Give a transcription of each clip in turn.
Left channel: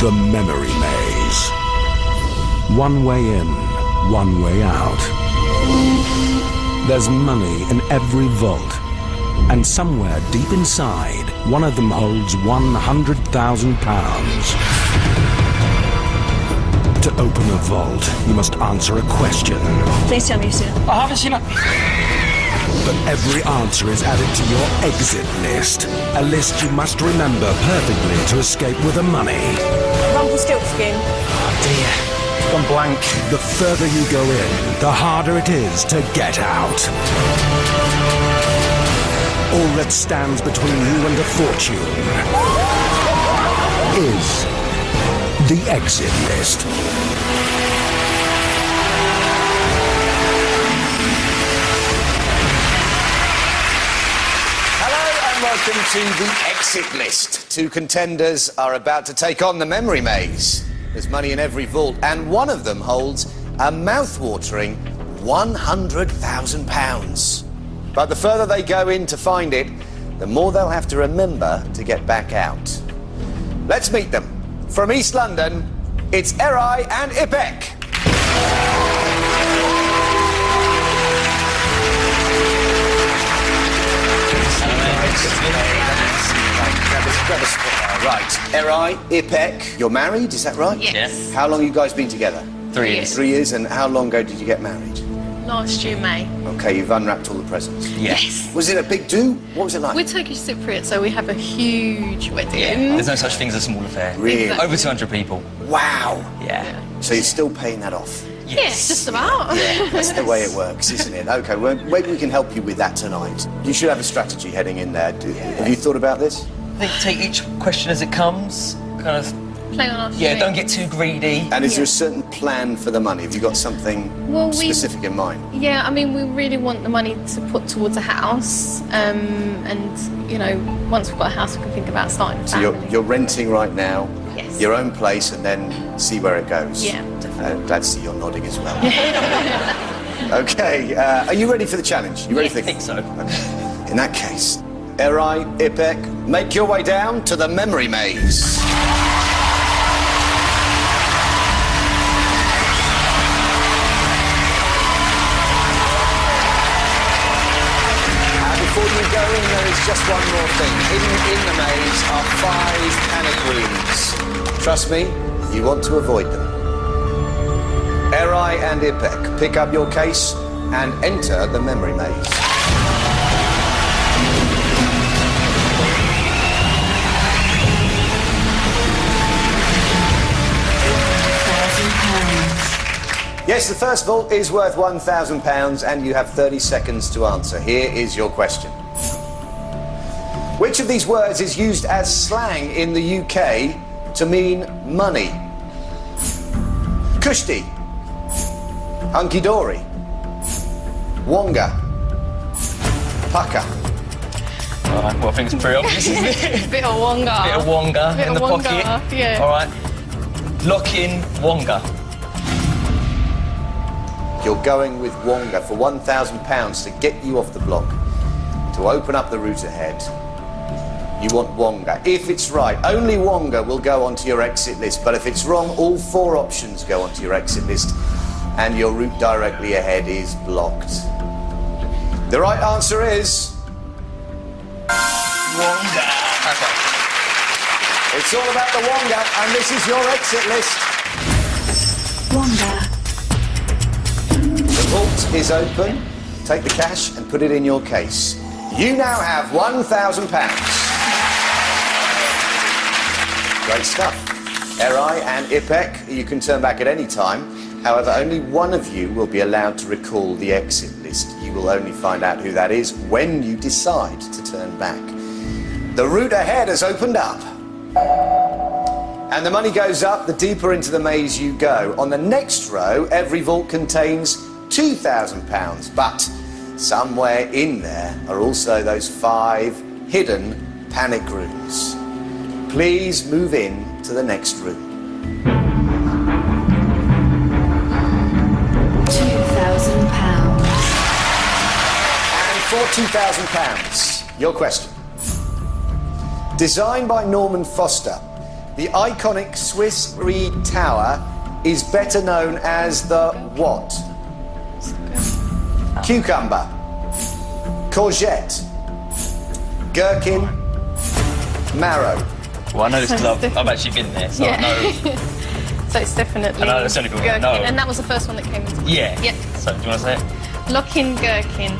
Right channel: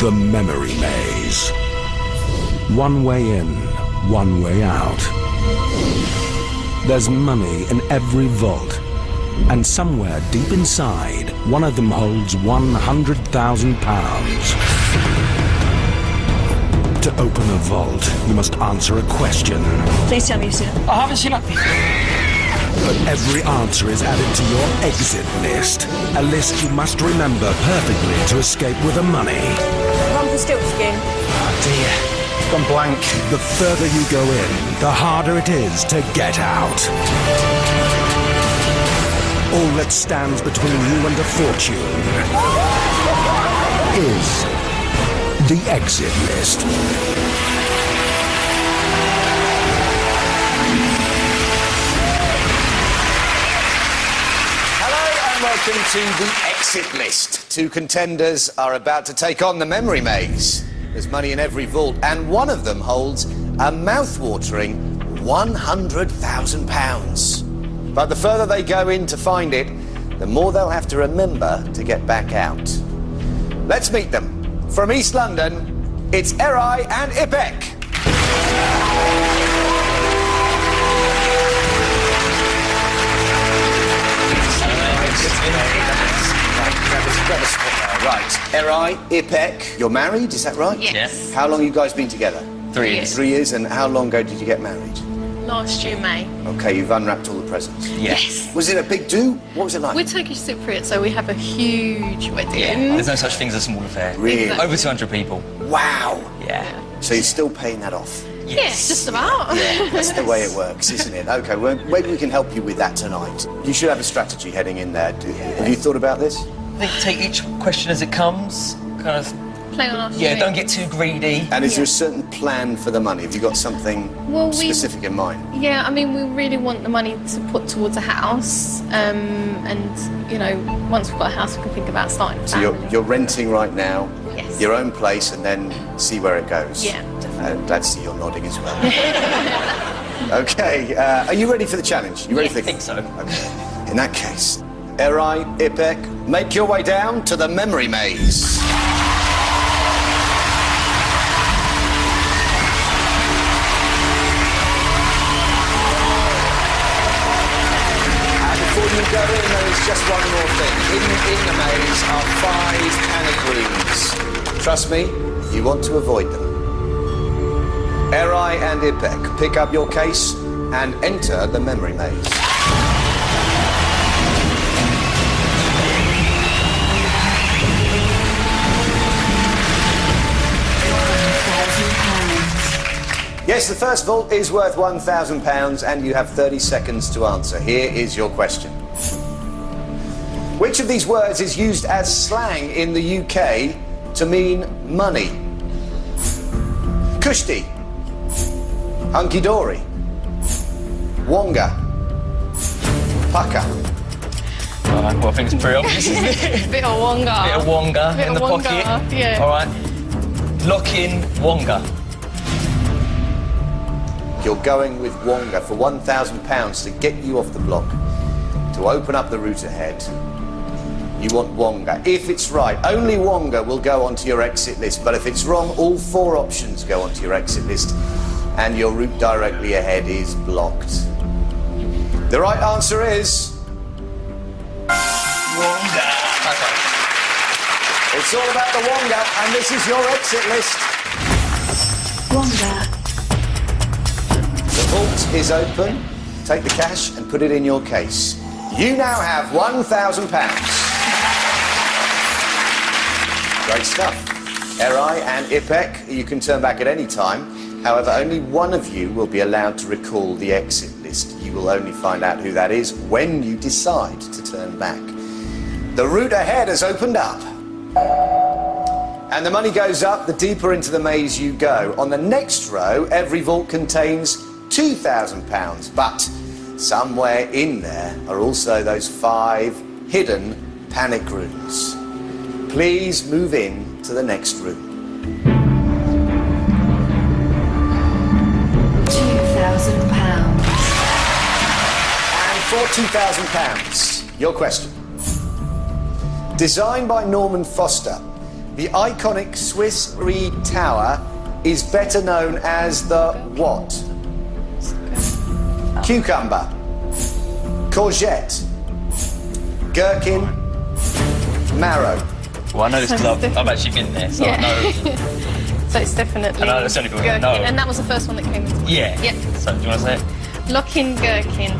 The Memory Maze. One way in, one way out. There's money in every vault, and somewhere deep inside, one of them holds £100,000. To open a vault, you must answer a question. Please tell me you've seen it. I haven't seen it. But every answer is added to your exit list. A list you must remember perfectly to escape with the money. Rumpelstiltskin. Oh dear, it's gone blank. The further you go in, the harder it is to get out. All that stands between you and a fortune is the exit list. Welcome to the exit list. Two contenders are about to take on the memory maze. There's money in every vault, and one of them holds a mouth-watering £100,000. But the further they go in to find it, the more they'll have to remember to get back out. Let's meet them. From East London, it's Erai and Ipek. Grab a spot there. Right. Erai, Ipek, you're married, is that right? Yes. How long have you guys been together? 3 years. 3 years, and how long ago did you get married? Last year, May. Okay, you've unwrapped all the presents. Yes. Was it a big do? What was it like? We're Turkish Cypriot, so we have a huge wedding. Yeah. There's no such thing as a small affair. Really? Exactly. Over 200 people. Wow. Yeah. So you're still paying that off? Yes, just about. Yeah, that's the way it works, isn't it? Okay, well, maybe we can help you with that tonight. You should have a strategy heading in there. Have you thought about this? I think take each question as it comes. Kind of. Play on our Yeah, string. don't get too greedy. And is there a certain plan for the money? Have you got something specific in mind? Yeah, I mean, we really want the money to put towards a house. And, you know, once we've got a house, we can think about starting a family. So you're renting right now, Yes. your own place, and then see where it goes? Yeah, definitely. Glad to see you're nodding as well. Okay, are you ready for the challenge? You ready Yes. for I think so. Okay. In that case, Erai, Ipek, make your way down to the memory maze. Before you go in, there is just one more thing. Hidden in the maze are 5 panic rooms. Trust me, you want to avoid them. Erai and Ipek, pick up your case and enter the memory maze. Yes, the first vault is worth £1,000 and you have 30 seconds to answer. Here is your question. Which of these words is used as slang in the UK to mean money? Kushti, hunky-dory, wonga, pucker. Alright, well, I think it's pretty obvious, isn't it? Bit of wonga. Bit of wonga Bit in the of wonga, pocket. yeah. Alright. Lock in wonga. You're going with wonga for £1,000 to get you off the block, to open up the route ahead. You want wonga. If it's right, only wonga will go onto your exit list, but if it's wrong, all 4 options go onto your exit list, and your route directly ahead is blocked. The right answer is... Wonga. Okay. It's all about the wonga, and this is your exit list. Wonga. The vault is open. Take the cash and put it in your case. You now have £1,000. Great stuff. Erai and Ipek, you can turn back at any time. However, only one of you will be allowed to recall the exit list. You will only find out who that is when you decide to turn back. The route ahead has opened up. And the money goes up the deeper into the maze you go. On the next row, every vault contains £2,000, but somewhere in there are also those 5 hidden panic rooms. Please move in to the next room. £2,000. And for £2,000, your question. Designed by Norman Foster, The iconic Swiss Reed Tower is better known as the what? Cucumber, courgette, gherkin, marrow. Well, I know this because I've actually been there, so I know. So it's definitely I know that's the only gherkin, one I know. and that was the first one that came into mind. Yeah. Yeah. So, do you want to say it? Lock in gherkin.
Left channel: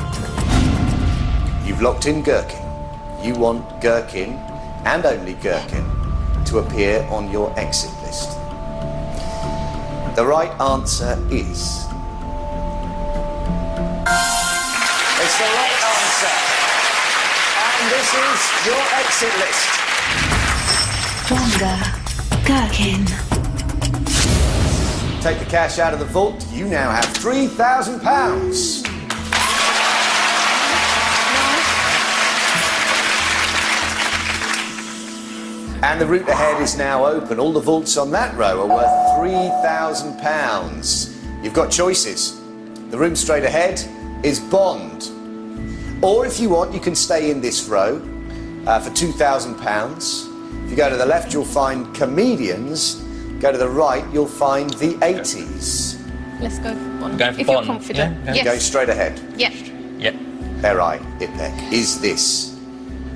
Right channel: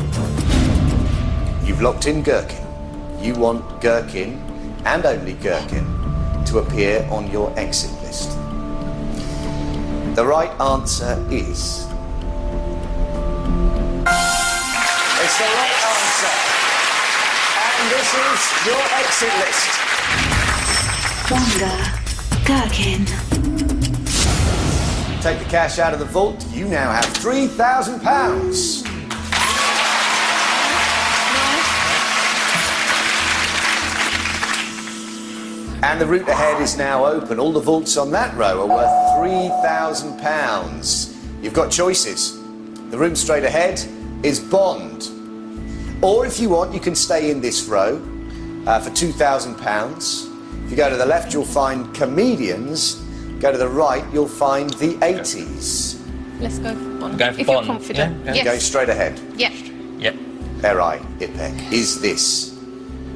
You've locked in gherkin. You want gherkin, and only gherkin, to appear on your exit list. The right answer is... It's the right answer. And this is your exit list. Wonga. Gherkin. Take the cash out of the vault. You now have £3,000. And the route ahead is now open. All the vaults on that row are worth £3,000. You've got choices. The room straight ahead is Bond. Or if you want, you can stay in this row for £2,000. If you go to the left, you'll find comedians. Go to the right, you'll find the 80s. Let's go for Bond. Going for if Bond. you're confident. Yeah, Yes. Go straight ahead. Yeah. Yep. Erai, Ipek, is this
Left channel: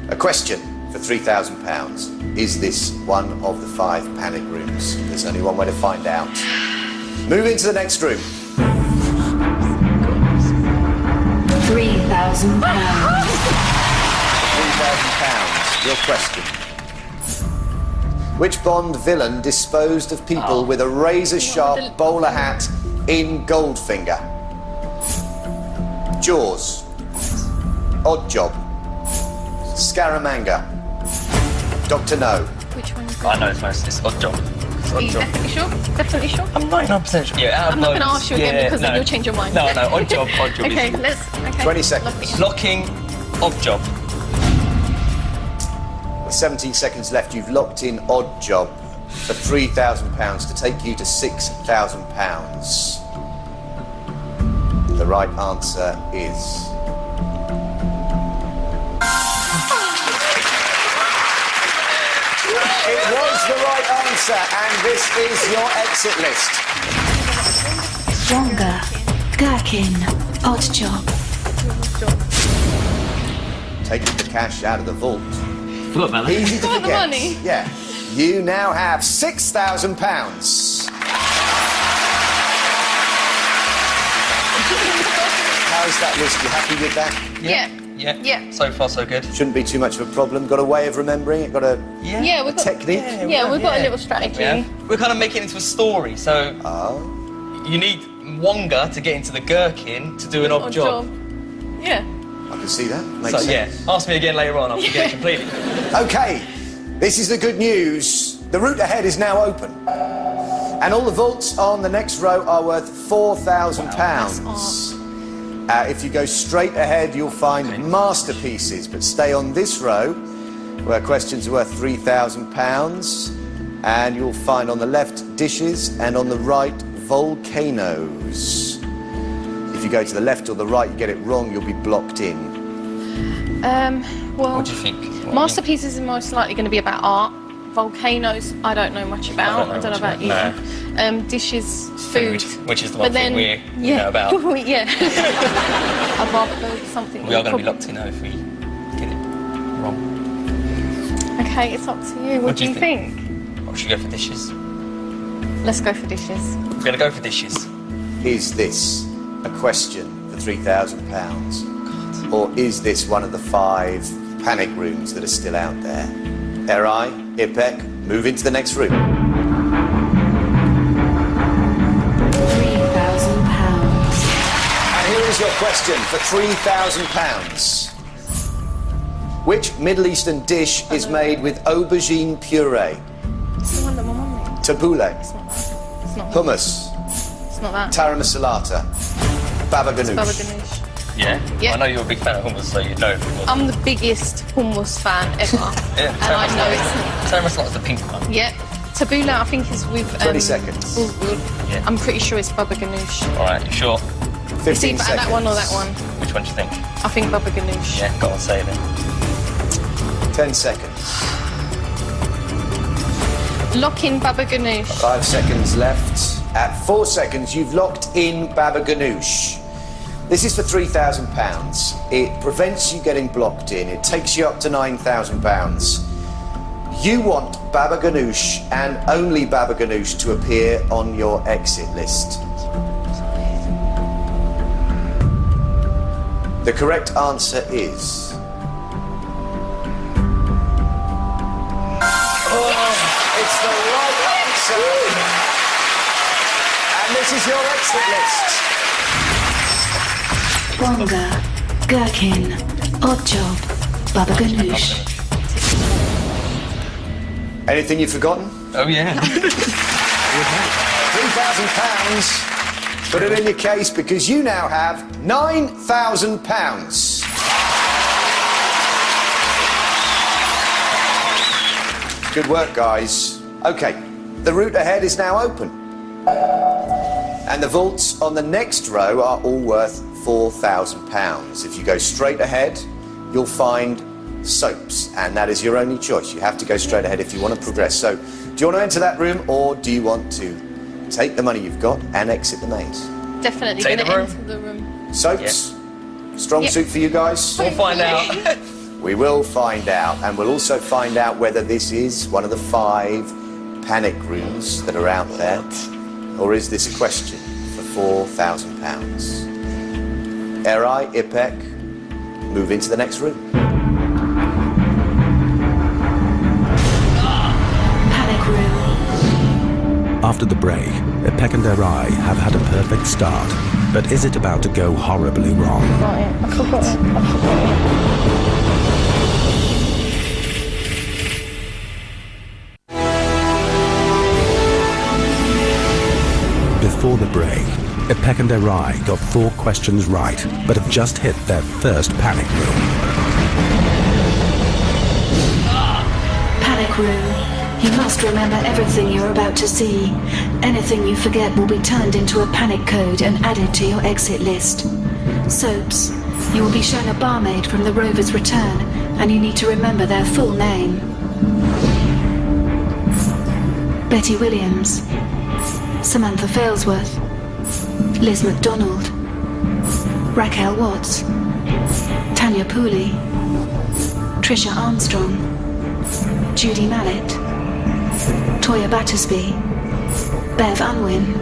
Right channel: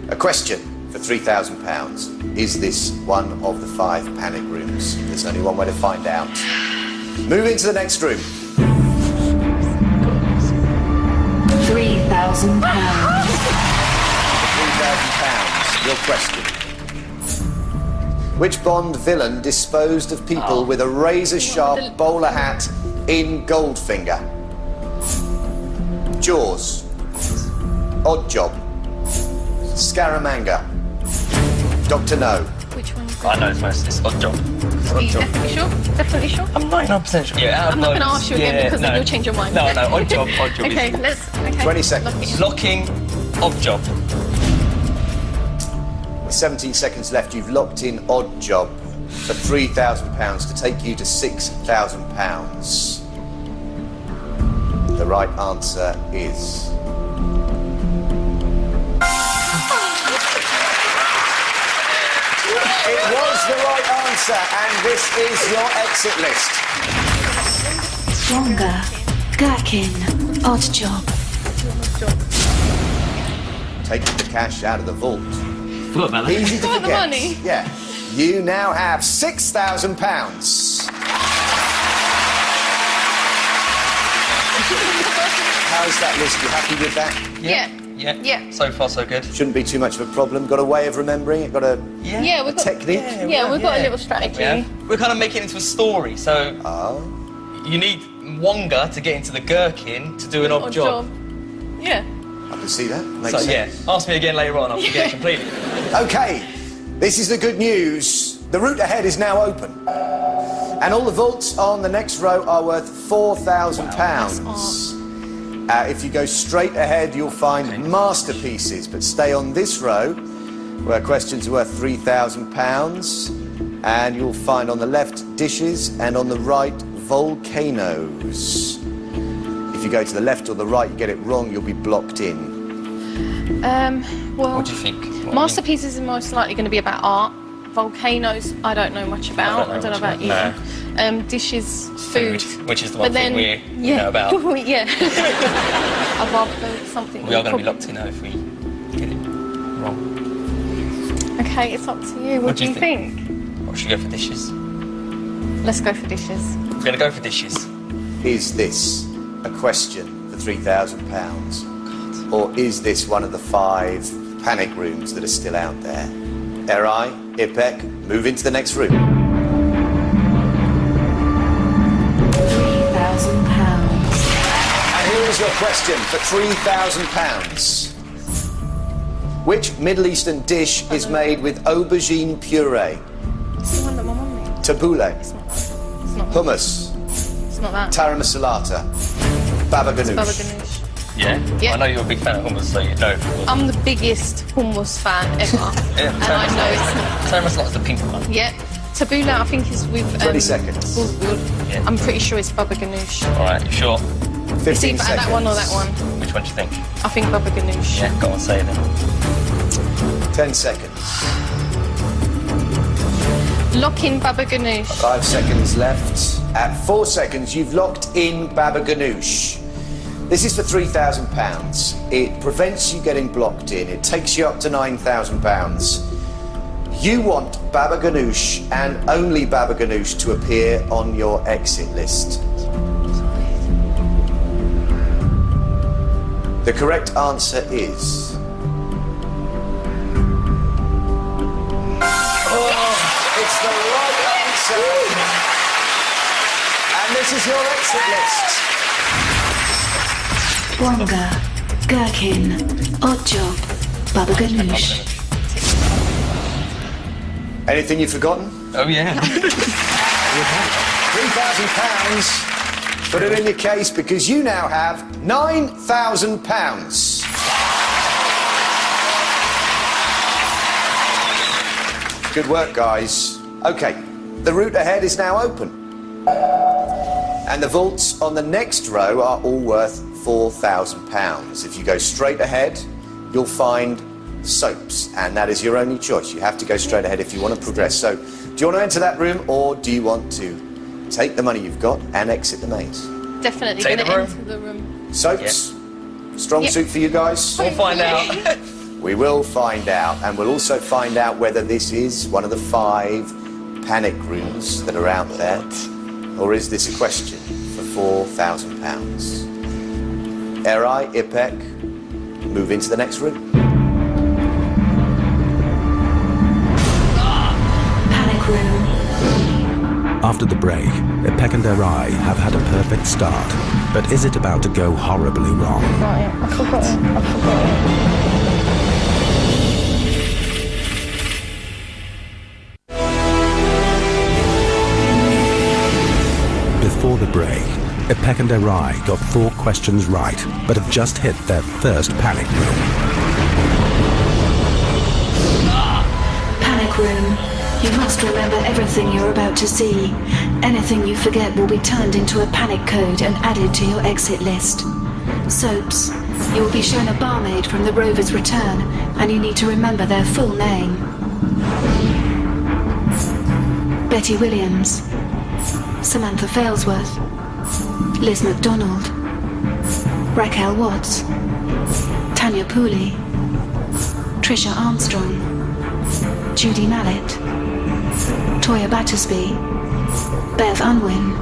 a question for £3,000? Is this one of the 5 panic rooms? There's only one way to find out. Move into the next room. £3,000. For £3,000, your question. Which Bond villain disposed of people with a razor-sharp bowler hat in Goldfinger? Jaws, Odd Job, Scaramanga, Dr. No. Which one? I know it's Odd Job. Are you definitely sure? Definitely sure? I'm 99% sure. Yeah, I'm not going to ask you again because then you'll change your mind. No, Odd Job. Odd Job. Okay, is... let's. Okay. 20 seconds. Lock it in. Locking Odd Job. With 17 seconds left, you've locked in Odd Job for £3,000 to take you to £6,000. The right answer is... It was the right answer, and this is your exit list. Wonga. Gherkin. Odd job. Taking the cash out of the vault. Forgot about that. Easy to Forgot the forget. money. Yeah. You now have £6,000. How's that list? You happy with that? Yeah. Yeah. So far, so good. Shouldn't be too much of a problem. Got a way of remembering it? Got a Yeah, we've got. technique? Yeah, we've got a little strategy. Yeah. We're kind of making it into a story, so you need Wonga to get into the gherkin to do an odd job. Yeah. I can see that. Makes So sense. yeah, ask me again later on. I'll forget it completely. Okay, this is the good news. The route ahead is now open. And all the vaults on the next row are worth £4,000. If you go straight ahead, you'll find masterpieces, but stay on this row, where questions are worth £3,000. And you'll find on the left dishes, and on the right volcanoes. If you go to the left or the right, you get it wrong, you'll be blocked in. Well, What do you think? masterpieces are most likely going to be about art. Volcanoes, I don't know much about. I don't know about you. No. Dishes, food. Which is the one thing we know about. yeah. I'd rather go with something. We are going to be locked in though if we get it wrong. Okay, it's up to you. What do you think? Or should we go for dishes? Let's go for dishes. We're going to go for dishes. Is this a question for £3,000? Or is this one of the 5 panic rooms that are still out there? Erai, Ipek, move into the next room. £3,000. And here is your question for £3,000. Which Middle Eastern dish is made with aubergine puree? It's the one that my mum made. Tabbouleh, It's not that. It's not that. hummus, It's not that. Taramasalata, baba ganoush. Baba ganoush. Yeah? Yeah. I know you're a big fan of hummus, so you know if it was. I'm the biggest hummus fan ever. Yeah, And I know it's not. Taramasalata's the pink one. Yeah. Tabbouleh, I think, is with... 20 seconds. Yeah. I'm pretty sure it's baba ganoush. All right, you sure? 15 It's either seconds. that one or that one. Which one do you think? I think baba ganoush. Yeah, go on, say it then. 10 seconds. Lock in Baba Ganoush. 5 seconds left. At 4 seconds, you've locked in Baba Ganoush. This is for £3,000. It prevents you getting blocked in. It takes you up to £9,000. You want Baba Ganoush and only Baba Ganoush to appear on your exit list. The correct answer is... It's the right answer. And this is your exit list. Wonga, Gherkin, Oddjob, Baba Ganoush. Anything you've forgotten? Oh, yeah. £3,000. Put it in your case because you now have £9,000. Good work, guys. OK, the route ahead is now open. And the vaults on the next row are all worth £4,000. If you go straight ahead, you'll find soaps, and that is your only choice. You have to go straight ahead if you want to progress. So, do you want to enter that room, or do you want to take the money you've got and exit the maze? Definitely going to enter the room. Soaps? Strong suit for you guys? We'll find out. We will find out, and we'll also find out whether this is one of the 5 panic rooms that are out there, or is this a question for £4,000? Erai, Ipek, move into the next room. Panic room. After the break, Ipek and Erai have had a perfect start. But is it about to go horribly wrong? I forgot it. Before the break, Ipek and Erai got 4 questions right, but have just hit their first panic room. Panic room. You must remember everything you're about to see. Anything you forget will be turned into a panic code and added to your exit list. Soaps. You will be shown a barmaid from the Rover's Return, and you need to remember their full name. Betty Williams, Samantha Failsworth, Liz McDonald, Raquel Watts, Tanya Pooley, Trisha Armstrong, Judy Mallet, Toya Battersby, Bev Unwin,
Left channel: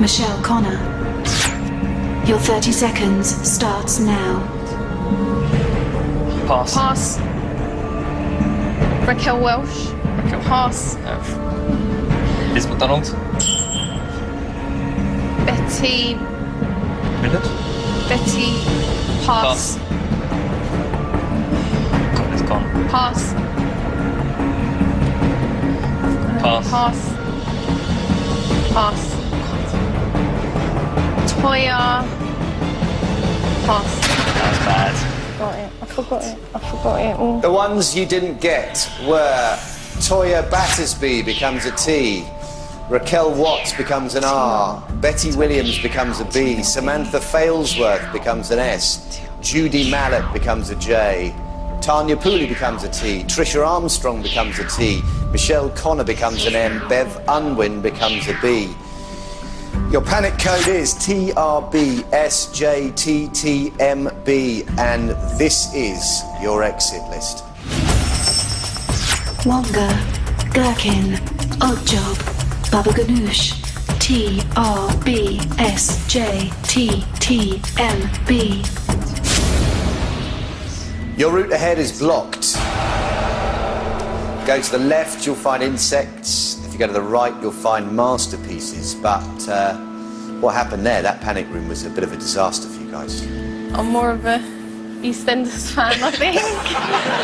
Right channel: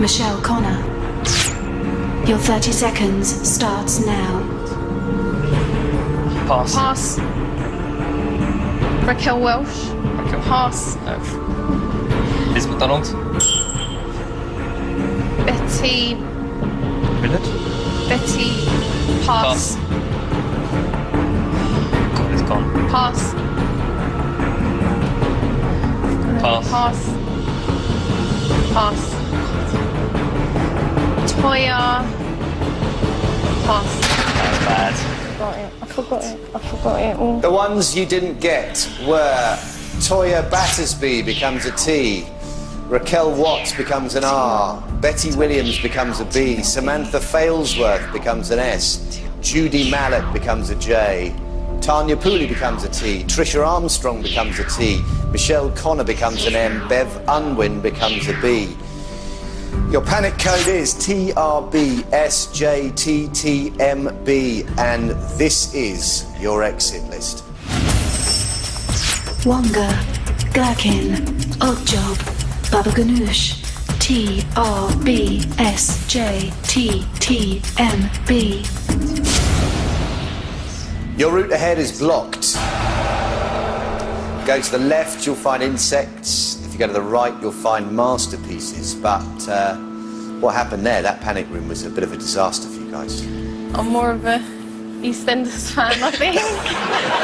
Michelle Connor. Your 30 seconds starts now. Pass. Raquel Welsh. Pass. Liz McDonald. Betty. Millett. Betty. Pass. God, it's gone. Pass. Toya. Pass. That was bad. I forgot it all. The ones you didn't get were Toya Battersby becomes a T, Raquel Watts becomes an R, Betty Williams becomes a B, Samantha Failsworth becomes an S, Judy Mallet becomes a J, Tanya Pooley becomes a T, Trisha Armstrong becomes a T, Michelle Connor becomes an M, Bev Unwin becomes a B. Your panic code is TRBSJTTMB, and this is your exit list. Wonga, Gherkin, Oddjob, Baba Ganoush, TRBSJTTMB. Your route ahead is blocked. Go to the left, you'll find insects. If you go to the right, you'll find masterpieces. But what happened there, that panic room was a bit of a disaster for you guys. I'm more of a EastEnders fan, I think.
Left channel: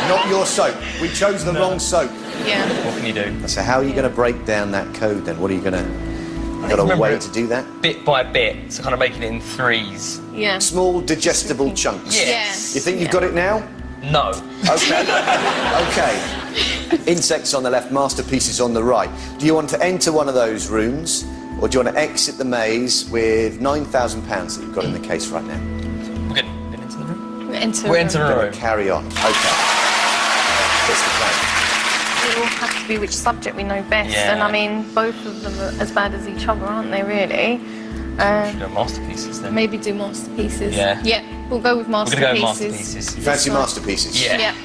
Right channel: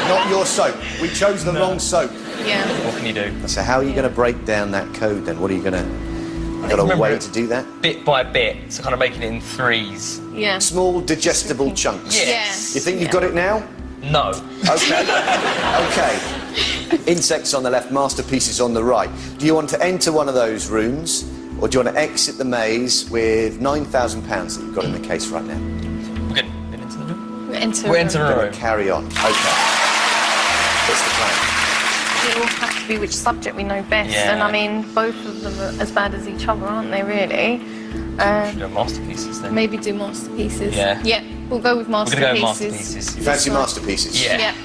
Not your soap. We chose the wrong soap. Yeah. What can you do? So how are you going to break down that code then? What are you going to... Got a way to do that? Bit by bit, so kind of making it in 3s. Yeah. Small, digestible chunks. Yes. Yeah. You think you've got it now? No. Okay. Okay. Insects on the left, masterpieces on the right. Do you want to enter one of those rooms, or do you want to exit the maze with £9,000 that you've got in the case right now? We're getting into the room? We're entering We're entering We're a going room. to carry on. Okay. What's the plan? It will have to be be which subject we know best. Yeah. And I mean, both of them are as bad as each other, aren't they, really? Should do masterpieces then. Maybe do masterpieces. Yeah. Yeah, we'll go with We're masterpieces. going to go with masterpieces. You fancy masterpieces? Yeah. Yeah.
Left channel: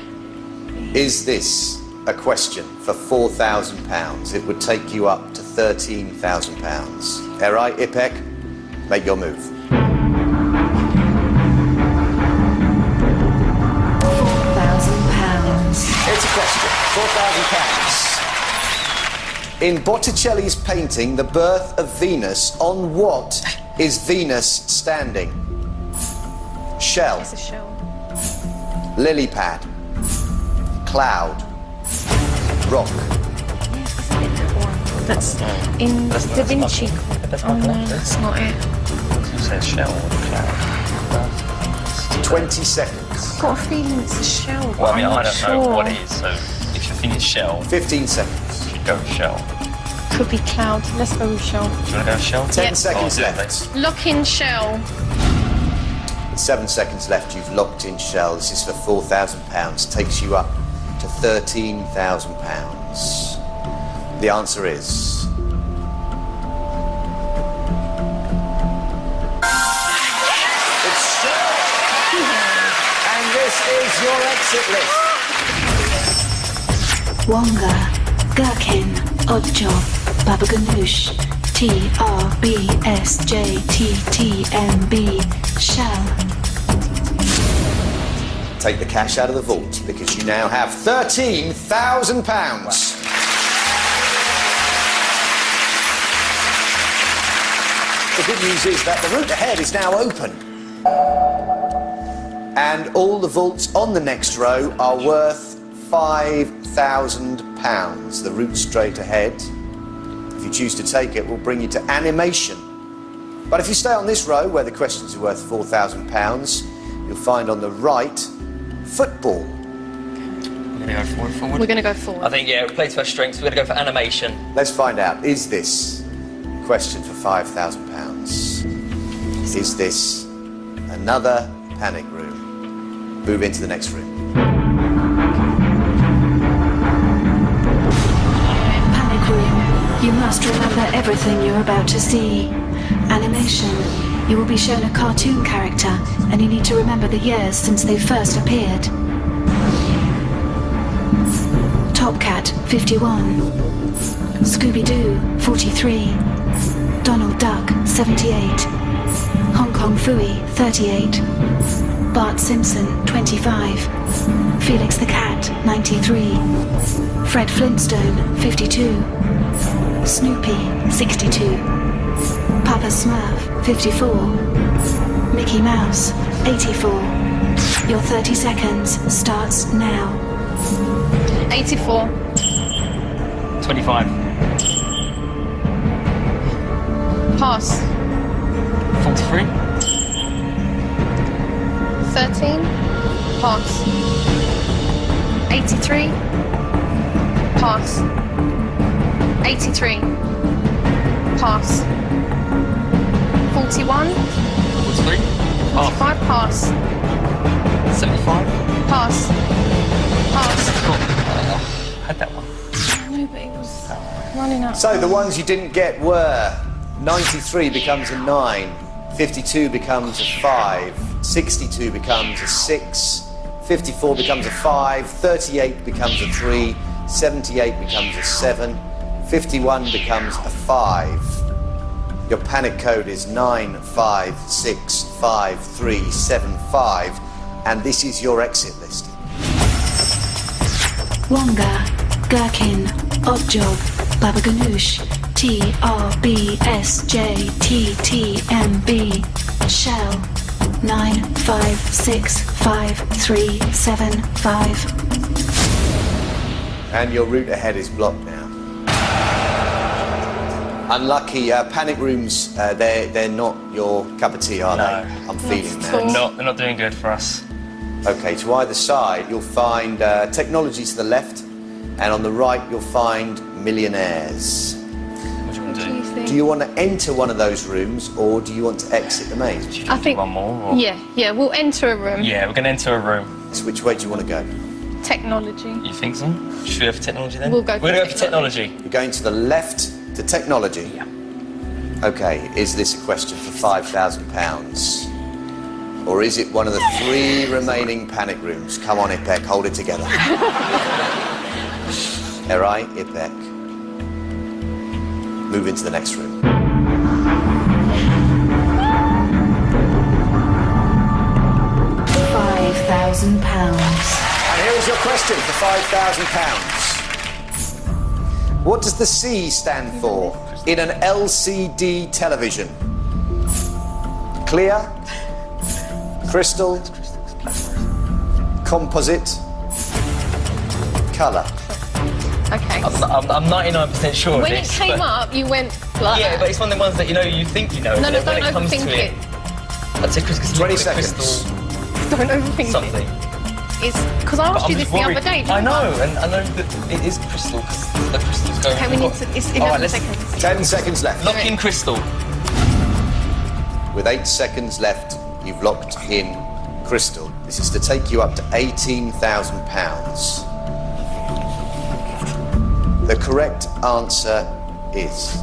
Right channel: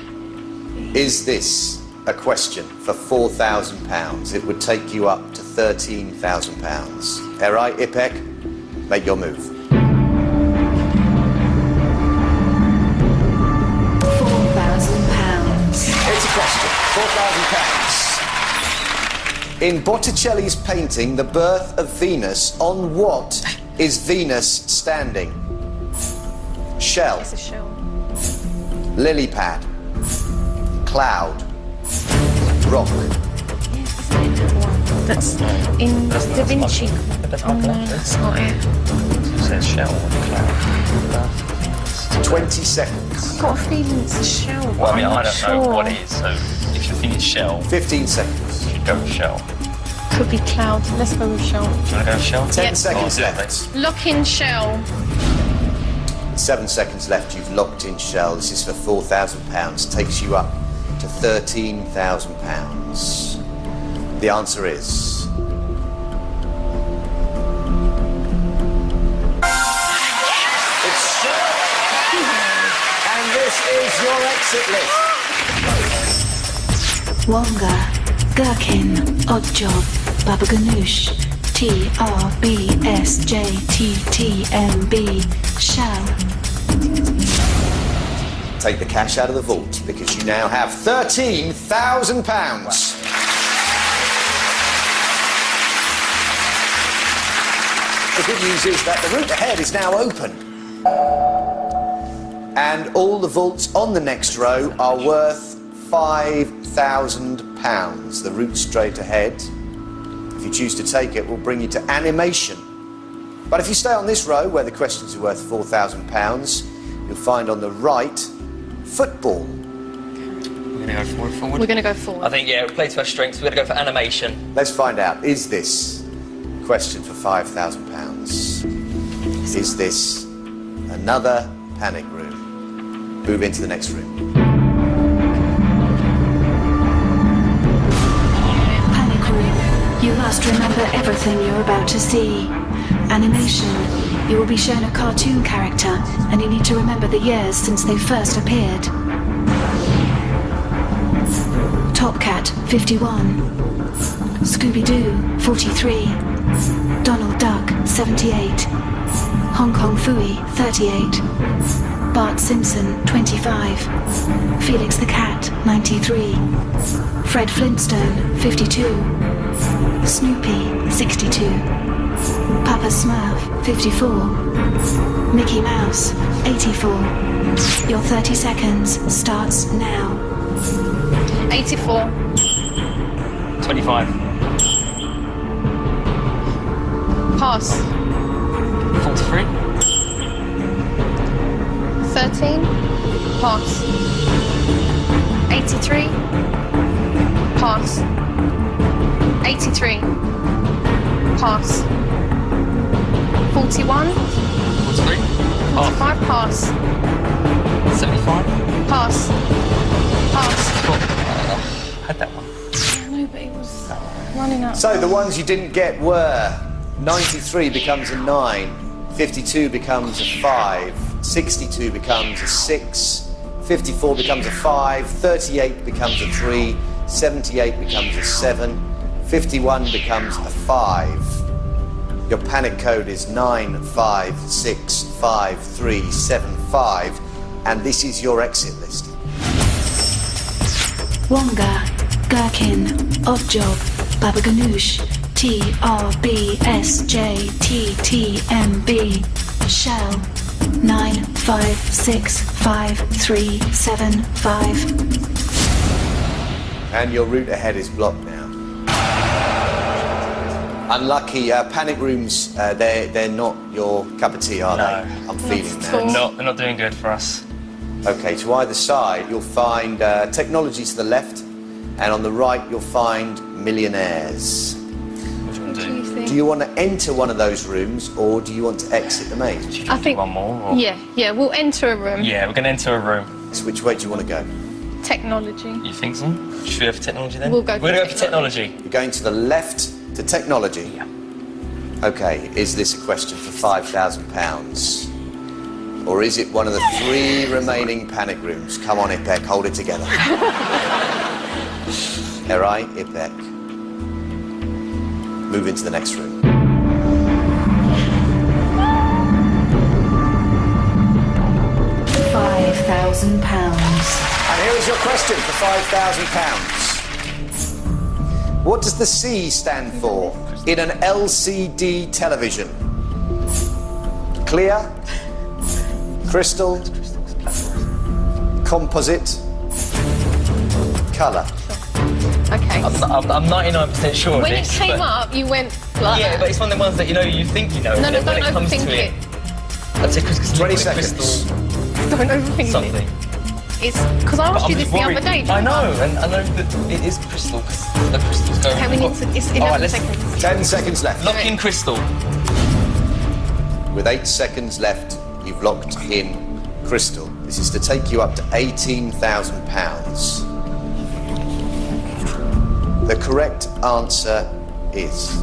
Is this a question for £4,000? It would take you up to £13,000. Erai, Ipek, make your move. £4,000. It's a question. £4,000. In Botticelli's painting, The Birth of Venus, on what is Venus standing? Shell, It's a shell. lily pad, cloud, rock. Yeah, isn't it that one? That's in That's Da Vinci. That's Oh not no, correct. that's not it. It says shell or cloud. 20 seconds. I've got a feeling it's a shell. Well, I mean, I'm I not don't sure. know what it is, so if you think it's shell, 15 seconds. you should go with shell. Could be cloud. Let's go with shell. Do you want to go with shell? 10 Yep. seconds Oh, do it, left. Lock in shell. 7 seconds left. You've locked in shell. This is for £4,000. Takes you up to £13,000. The answer is... It's shell. And this is your exit list. Wonga, Gherkin, Oddjob, Baba Ganoush, TRBSJTTMB, Shell. Take the cash out of the vault because you now have £13,000. The good news is that the route ahead is now open. And all the vaults on the next row are worth £5,000. The route straight ahead, if you choose to take it, will bring you to animation. But if you stay on this row, where the questions are worth £4,000, you'll find on the right, football. We're going to go forward. We're going to go forward. I think, yeah, play to our strengths. We're going to go for animation. Let's find out, is this a question for £5,000? Is this another panic room? Move into the next room. Panic room. You must remember everything you're about to see. Animation. You will be shown a cartoon character, and you need to remember the years since they first appeared. Top Cat, 51. Scooby-Doo, 43. Donald Duck, 78. Hong Kong Phooey, 38. Bart Simpson, 25. Felix the Cat, 93. Fred Flintstone, 52. Snoopy, 62. Papa Smurf, 54. Mickey Mouse, 84. Your 30 seconds starts now. 84. 25. Pass. 43. 13. Pass. 83. Pass. 83. Pass. 41. 43. Pass. 45. Pass. 75. Pass. Pass. Had that one. No, but it was running out. So the ones you didn't get were 93 becomes a 9, 52 becomes a 5, 62 becomes a 6, 54 becomes a 5, 38 becomes a 3, 78 becomes a 7, 51 becomes a 5. Your panic code is 9565375, and this is your exit list. Wonga, Gherkin, Oddjob, Baba Ganoush, TRBSJTTMB, Shell, 9565375. And your route ahead is blocked now. Unlucky. Panic rooms, they're not your cup of tea, are they? I'm feeling Not at that. all. They're not doing good for us. Okay, to either side, you'll find technology to the left, and on the right, you'll find millionaires. What do you want What to do you do? think? Do you want to enter one of those rooms, or do you want to exit the maze? I think one more? Or? Yeah, we'll enter a room. Yeah, we're going to enter a room. So which way do you want to go? Technology. You think so? Should we go for technology then? We'll go for We're going to go for technology. You're going to the left to technology. Yeah. Okay, is this a question for £5,000? Or is it one of the 3 remaining panic rooms? Come on, Ipek, hold it together. Erai, Ipek. Move into the next room. £5,000. And here is your question for £5,000. What does the C stand for in an LCD television? Clear? Crystal? Composite? Colour? Okay. I'm 99% sure When of it this. came but- up, you went like Yeah, that. but it's one of the ones that you think you know. No, but no, then when don't it comes overthink to it. I'd say crystal. 20 seconds. Crystal Don't overthink something. it. It's because I But asked I'm you this just the worried. other day. I didn't know, and I know that it is crystal because the crystals go. Okay, we need to. It's 11 All right, let's seconds. 10 seconds left. lock in crystal. With 8 seconds left, you've locked in Crystal. This is to take you up to £18,000. The correct answer is...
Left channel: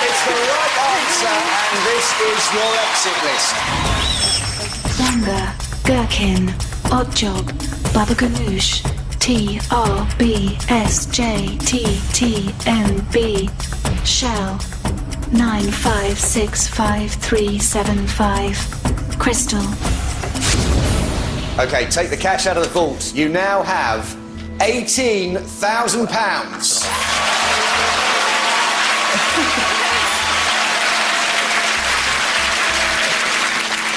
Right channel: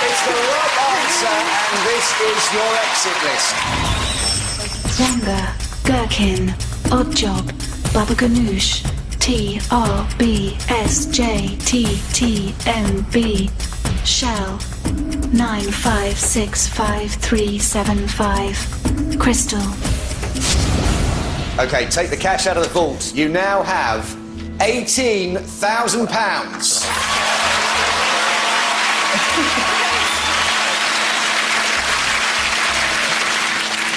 It's the right answer, and this is your exit list. Wonga, Gherkin, Oddjob, Baba Ganoush, TRBSJTTMB, Shell, 9565375, Crystal. Okay, take the cash out of the vault. You now have £18,000.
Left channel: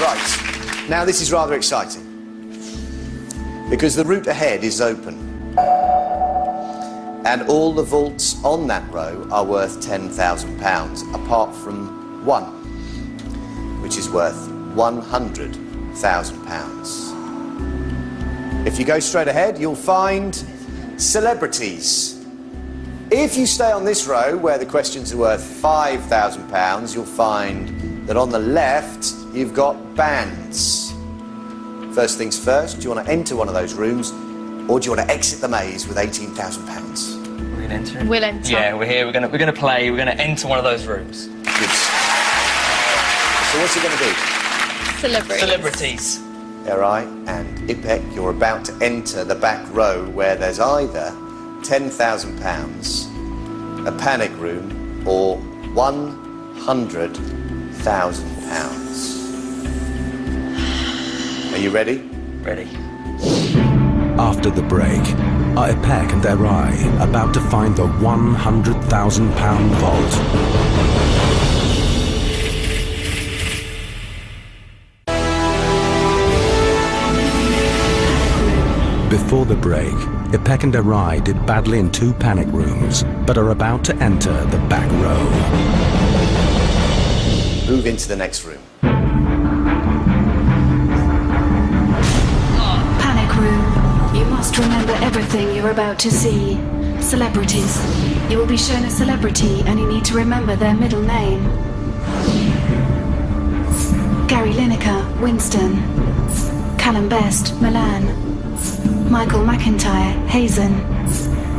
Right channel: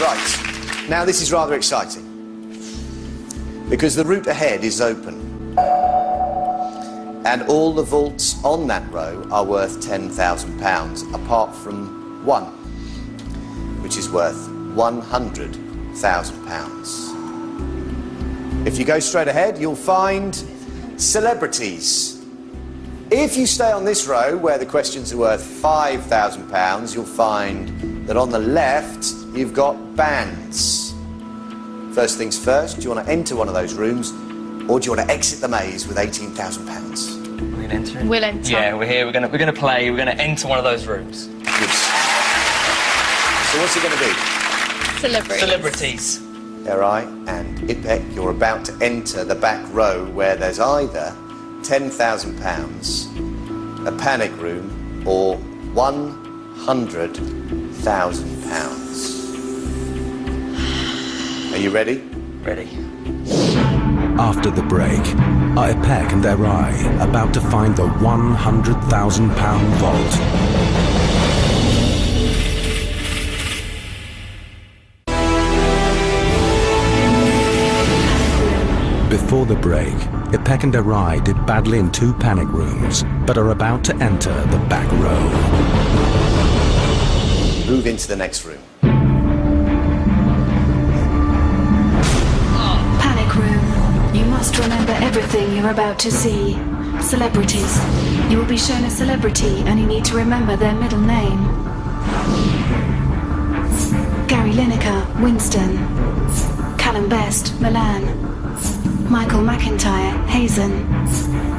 Right, now this is rather exciting because the route ahead is open and all the vaults on that row are worth £10,000 apart from one, which is worth £100,000. If you go straight ahead, you'll find celebrities. If you stay on this row, where the questions are worth £5,000, you'll find that on the left, you've got bands. First things first, do you want to enter one of those rooms, or do you want to exit the maze with £18,000? We're gonna enter it. We'll enter. Yeah, we're here. We're gonna play. We're gonna enter one of those rooms. Good. So what's it going to be? Celebrities. Erai and Ipek, you're about to enter the back row where there's either £10,000, a panic room, or £100,000. Are you ready? Ready. After the break, are Ipek and Erai about to find the £100,000 vault? Before the break, Ipek and Erai did badly in 2 panic rooms, but are about to enter the back row. Move into the next room. Panic room. You must remember everything you're about to see. Celebrities. You will be shown a celebrity and you need to remember their middle name. Gary Lineker, Winston. Callum Best, Milan. Michael McIntyre, Hazen.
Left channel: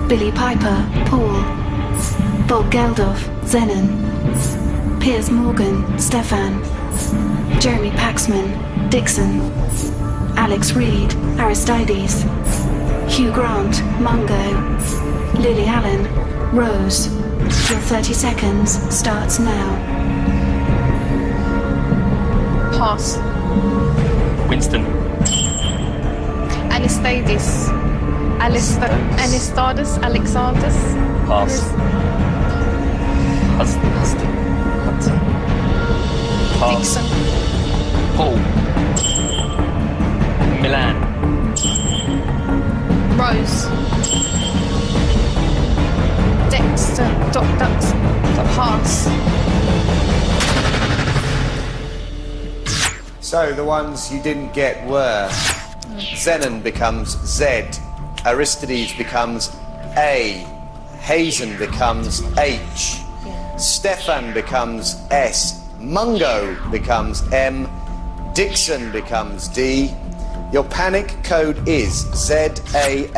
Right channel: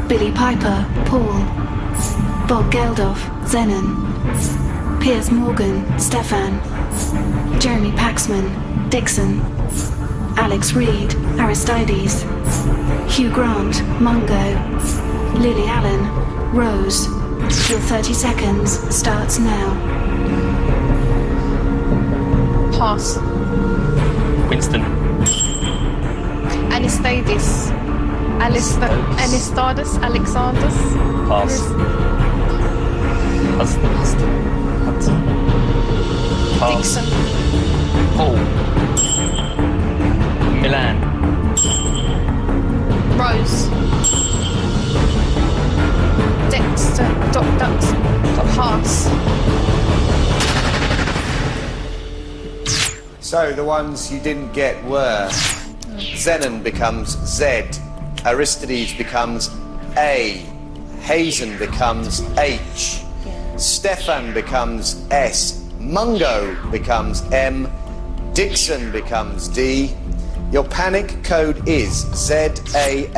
Billy Piper, Paul. Bob Geldof, Zenon. Piers Morgan, Stefan. Jeremy Paxman, Dixon. Alex Reed, Aristides. Hugh Grant, Mungo. Lily Allen, Rose. Your 30 seconds starts now. Pass. Winston. Anastadis. Anastadis. Alexanders. Pass. Hudson. Pass. Dixon. Paul. Milan. Rose. Dexter. Dux. Pass. So the ones you didn't get were Zenon becomes Z, Aristides becomes A, Hazen becomes H, Stefan becomes S. Mungo becomes M. Dixon becomes D. Your panic code is ZAHSMD,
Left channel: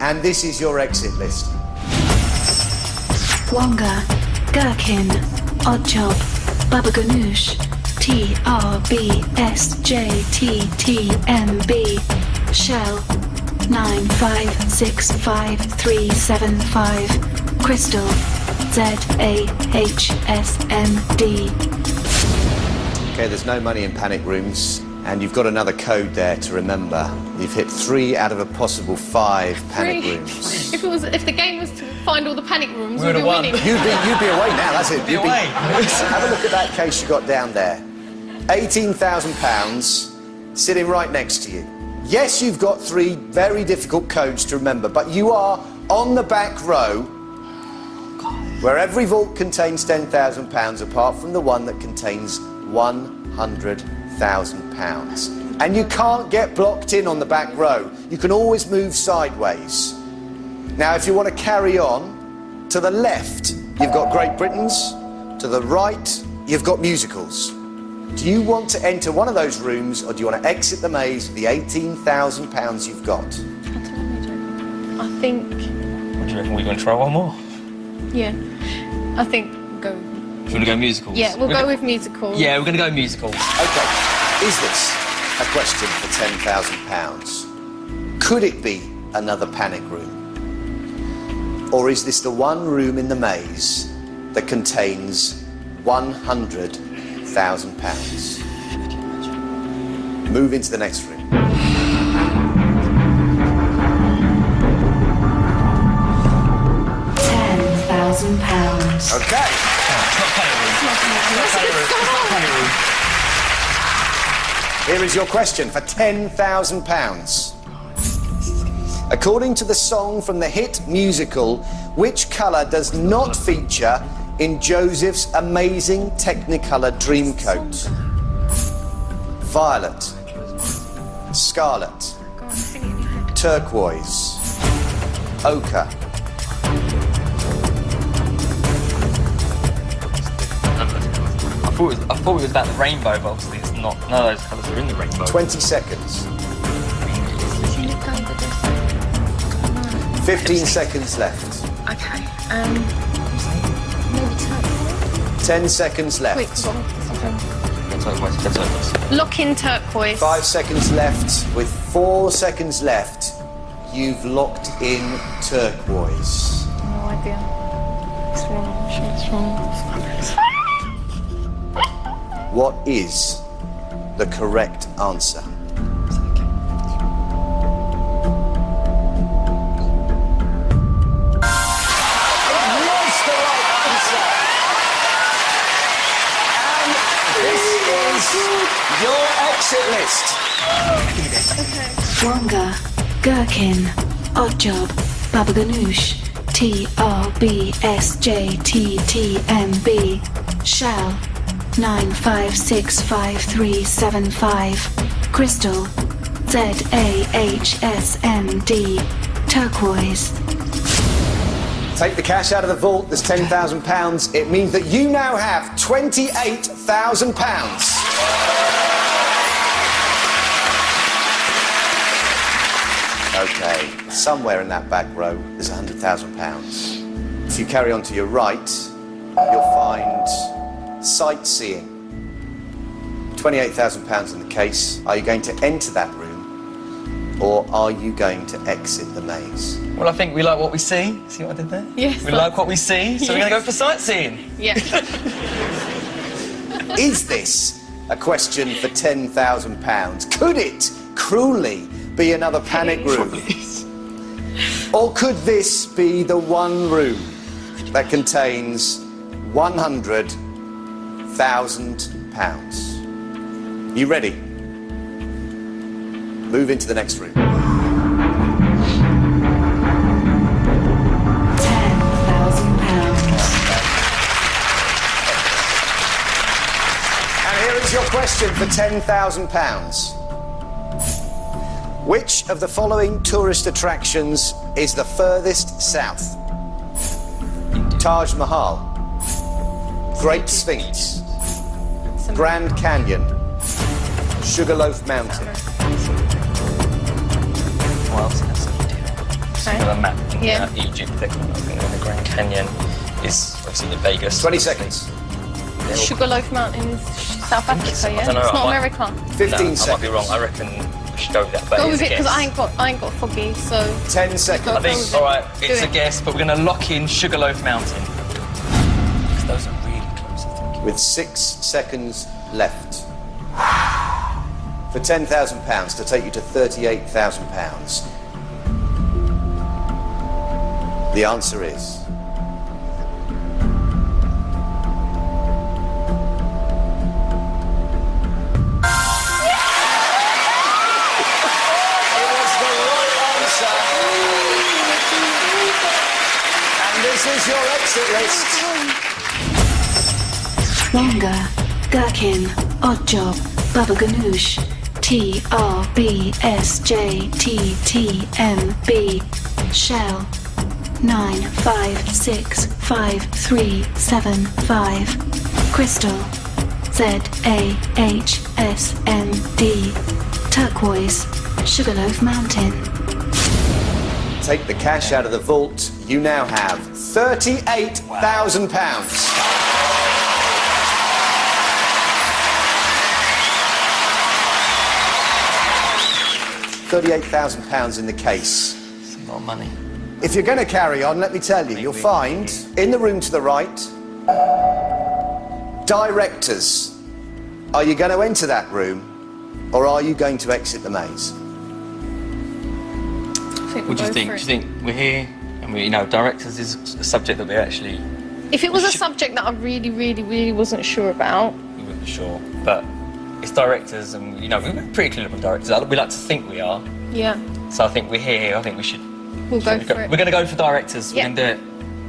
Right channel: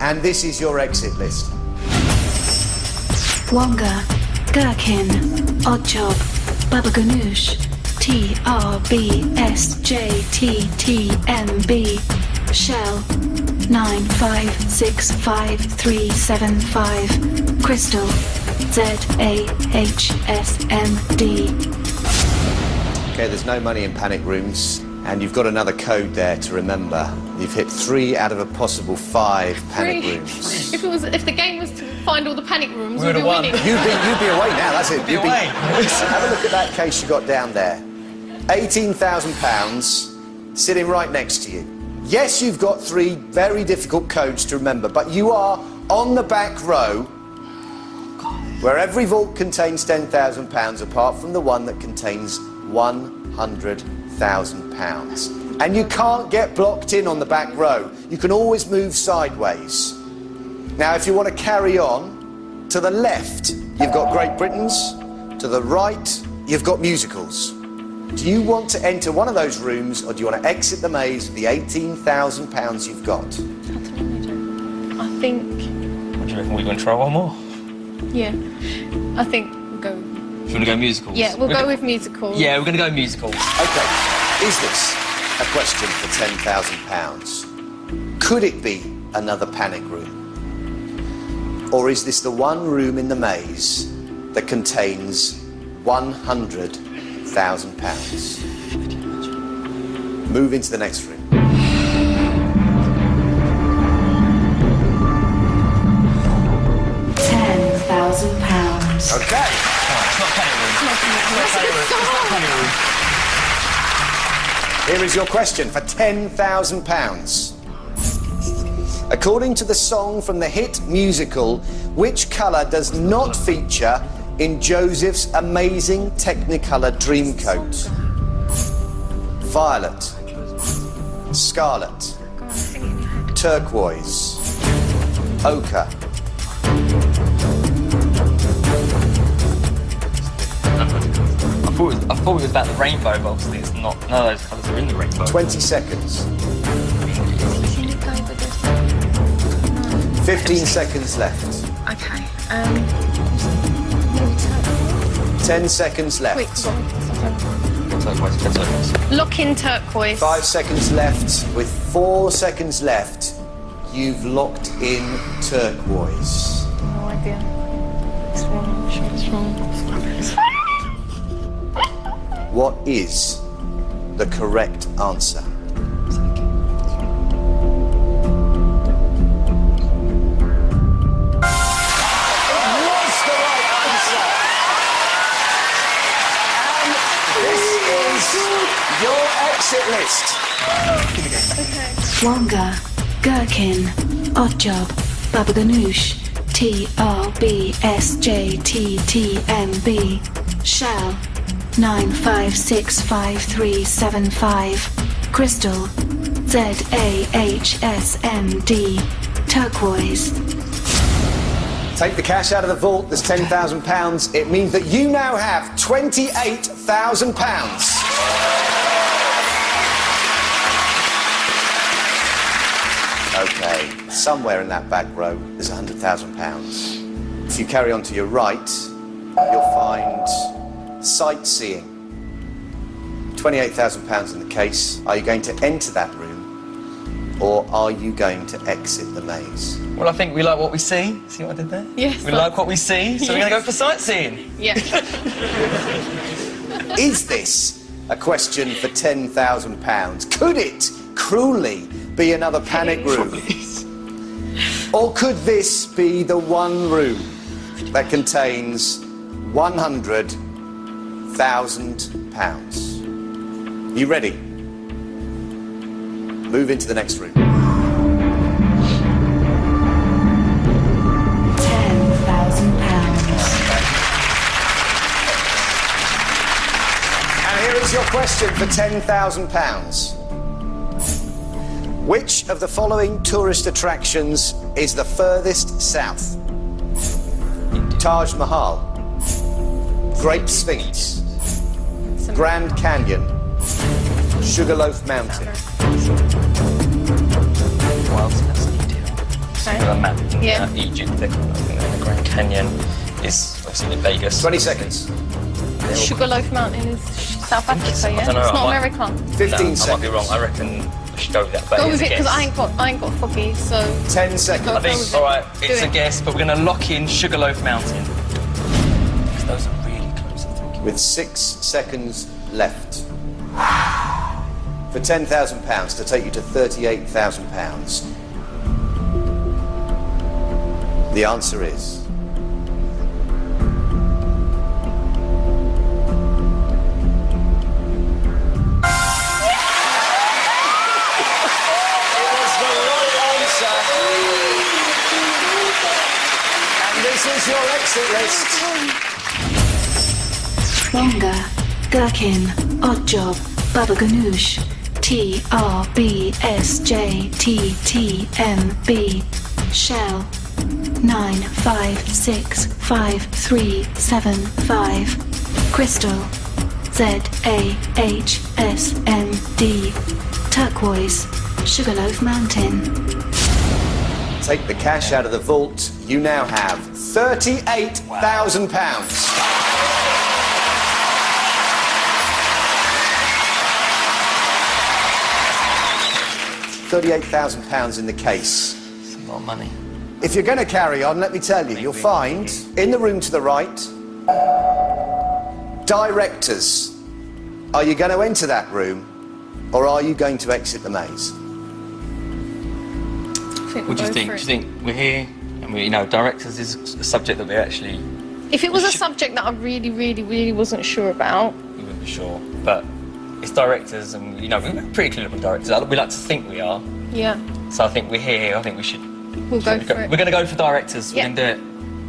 and this is your exit list. Wonga, Gherkin, Oddjob, Baba Ganoush, TRBSJTTMB, Shell, 9565375, Crystal, ZAHSMD. Okay, there's no money in panic rooms, and you've got another code there to remember. You've hit 3 out of a possible 5 panic rooms. If the game was to find all the panic rooms, we'd be won. winning. You'd be away now, that's it. Be away. Have a look at that case you got down there. £18,000 sitting right next to you. Yes, you've got 3 very difficult codes to remember, but you are on the back row, where every vault contains £10,000 apart from the one that contains £100,000. And you can't get blocked in on the back row. You can always move sideways. Now, if you want to carry on, to the left, you've got Great Britons. To the right, you've got musicals. Do you want to enter one of those rooms, or do you want to exit the maze with the £18,000 you've got? I think... What do you reckon? We're going to try one more? Yeah. I think we'll go... Do you want to go musicals? Yeah, we'll go with musicals. Yeah, we're going to go musicals. OK, is this a question for £10,000? Could it be another panic room? Or is this the one room in the maze that contains £100,000? Move into the next room. £10,000. OK. It's not panic room. It's not panic room. Here is your question for £10,000. According to the song from the hit musical, which colour does not feature in Joseph's amazing Technicolor Dreamcoat? Violet, scarlet, Go on, sing it in your head. turquoise, ochre. I thought it was about the rainbow, but obviously it's not. None of those colours are in the rainbow. 20 seconds. Can it go with this? 15 seconds left. Okay. Maybe turquoise. 10 seconds Quick, left. go on. Turquoise. Lock in turquoise. 5 seconds left. With 4 seconds left, you've locked in turquoise. No idea. It's wrong. I'm sure it's wrong. What is the correct answer? Your exit list. Wonga, Gherkin, Oddjob, Baba Ganoush, TRBSJTTMB, Shell, 9565375, Crystal, ZAHSMD, Turquoise. Take the cash out of the vault. There's £10,000. It means that you now have £28,000. OK, somewhere in that back row, there's £100,000. If you carry on to your right, you'll find sightseeing. £28,000 in the case. Are you going to enter that room, or are you going to exit the maze? Well, I think we like what we see. See what I did there? Yes. We like what we see, so we're going to go for sightseeing. Yeah. Is this a question for £10,000? Could it cruelly be another panic room? Or could this be the one room that contains £100,000? You ready? Move into the next room. And here is your question for £10,000. Which of the following tourist attractions is the furthest south? Taj Mahal, Great Sphinx, Grand Canyon, Sugarloaf Mountain. Well, so that's India. So you've got a map in Yeah. Egypt, and the Grand Canyon is obviously in Vegas. 20 seconds. Sugarloaf Mountain is South Africa, yeah? I don't know, It's I not might- America. 15 I might be seconds. wrong. I reckon we should go with that. But Go it's with a it, because guess. I ain't got foggy, so... 10 seconds. I Go think, with it. all right, Do it's a it. guess, but we're going to lock in Sugarloaf Mountain. Because those are really close, I think. With 6 seconds left. For £10,000 to take you to £38,000. The answer is... It was the right answer. And this is your exit list. Wonga, Gherkin, Oddjob, Baba Ganoush, TRBSJTTMB, Shell, 9565375, Crystal, ZAHSMD, Turquoise, Sugarloaf Mountain. Take the cash out of the vault. You now have £38,000. £38,000 in the case. It's a lot of money. If you're going to carry on, let me tell you, you'll find in the room to the right, directors. Are you going to enter that room, or are you going to exit the maze? What do you think? Do you think we're here? And we, directors is a subject that we actually... If it was a subject that I really, really, really wasn't sure about... We weren't sure, but it's directors, and we're pretty clear on directors. We like to think we are. Yeah, So I think we're here. I think we should... we'll go for it. We're going to go for directors. Yeah. We're going to do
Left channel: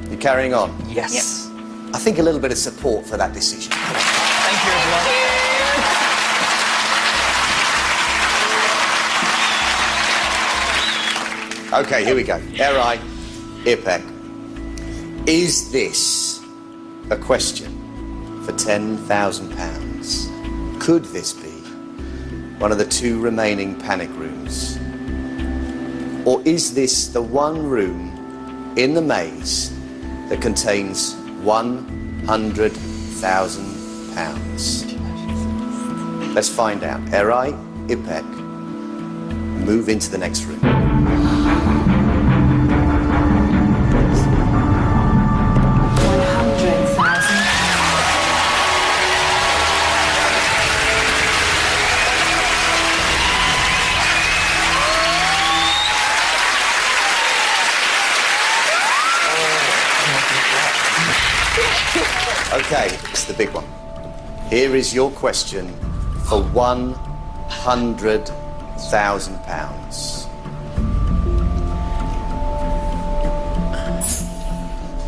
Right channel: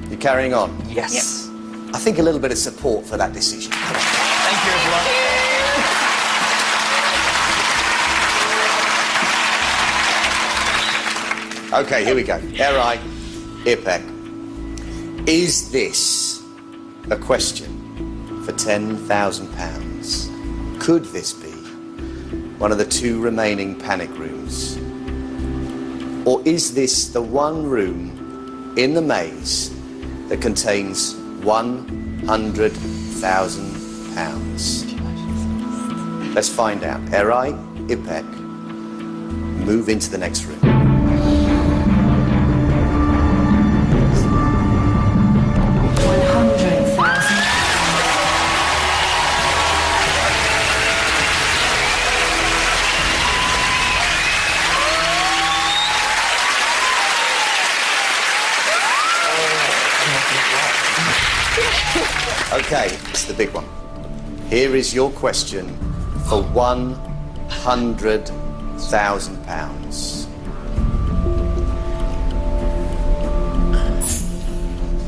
it. You're carrying on. Yes. I think a little bit of support for that decision. Thank you, everyone. Okay, here we go. Eri, Ipek. Is this a question for £10,000? Could this be one of the 2 remaining panic rooms? Or is this the one room in the maze that contains £100,000? Let's find out. Eri, Ipek, move into the next room. Okay, it's the big one. Here is your question for £100,000.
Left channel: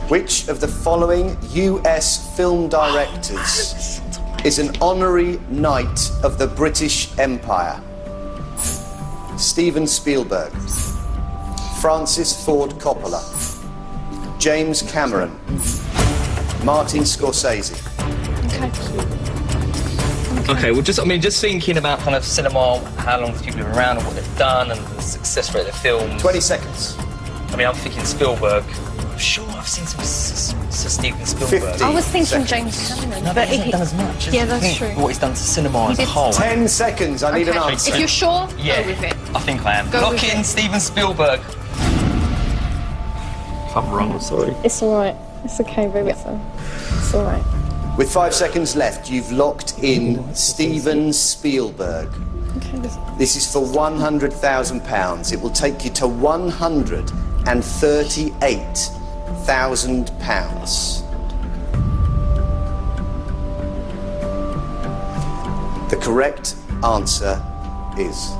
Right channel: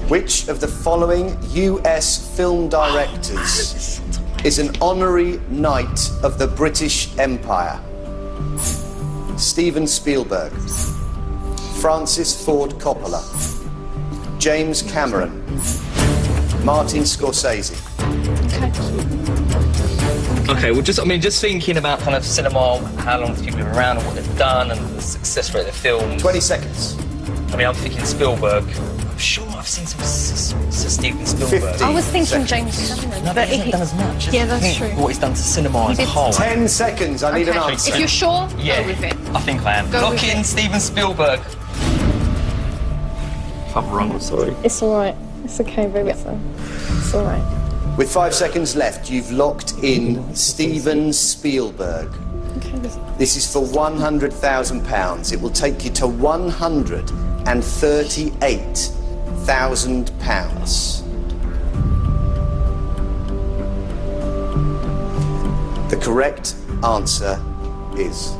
Which of the following US film directors is an honorary knight of the British Empire? Steven Spielberg, Francis Ford Coppola, James Cameron, Martin Scorsese. Okay, well, just thinking about kind of cinema, how long people have been around and what they've done and the success rate of the films. 20 seconds. I'm thinking Spielberg. I'm sure I've seen some Steven Spielberg. 50. I was thinking seconds. James Cameron, No, but he hasn't done as much. Yeah, that's Think true. What he's done to cinema as a did- whole. 10 seconds. I need an Okay. answer. If you're sure, Yeah, go with it. I think I am. Go Lock with in it. Steven Spielberg. If I'm wrong, I'm sorry. It's all right. It's okay, baby. It's all right. With 5 seconds left, you've locked in Steven Spielberg. Okay. This is for £100,000. It will take you to £138,000. The correct answer is...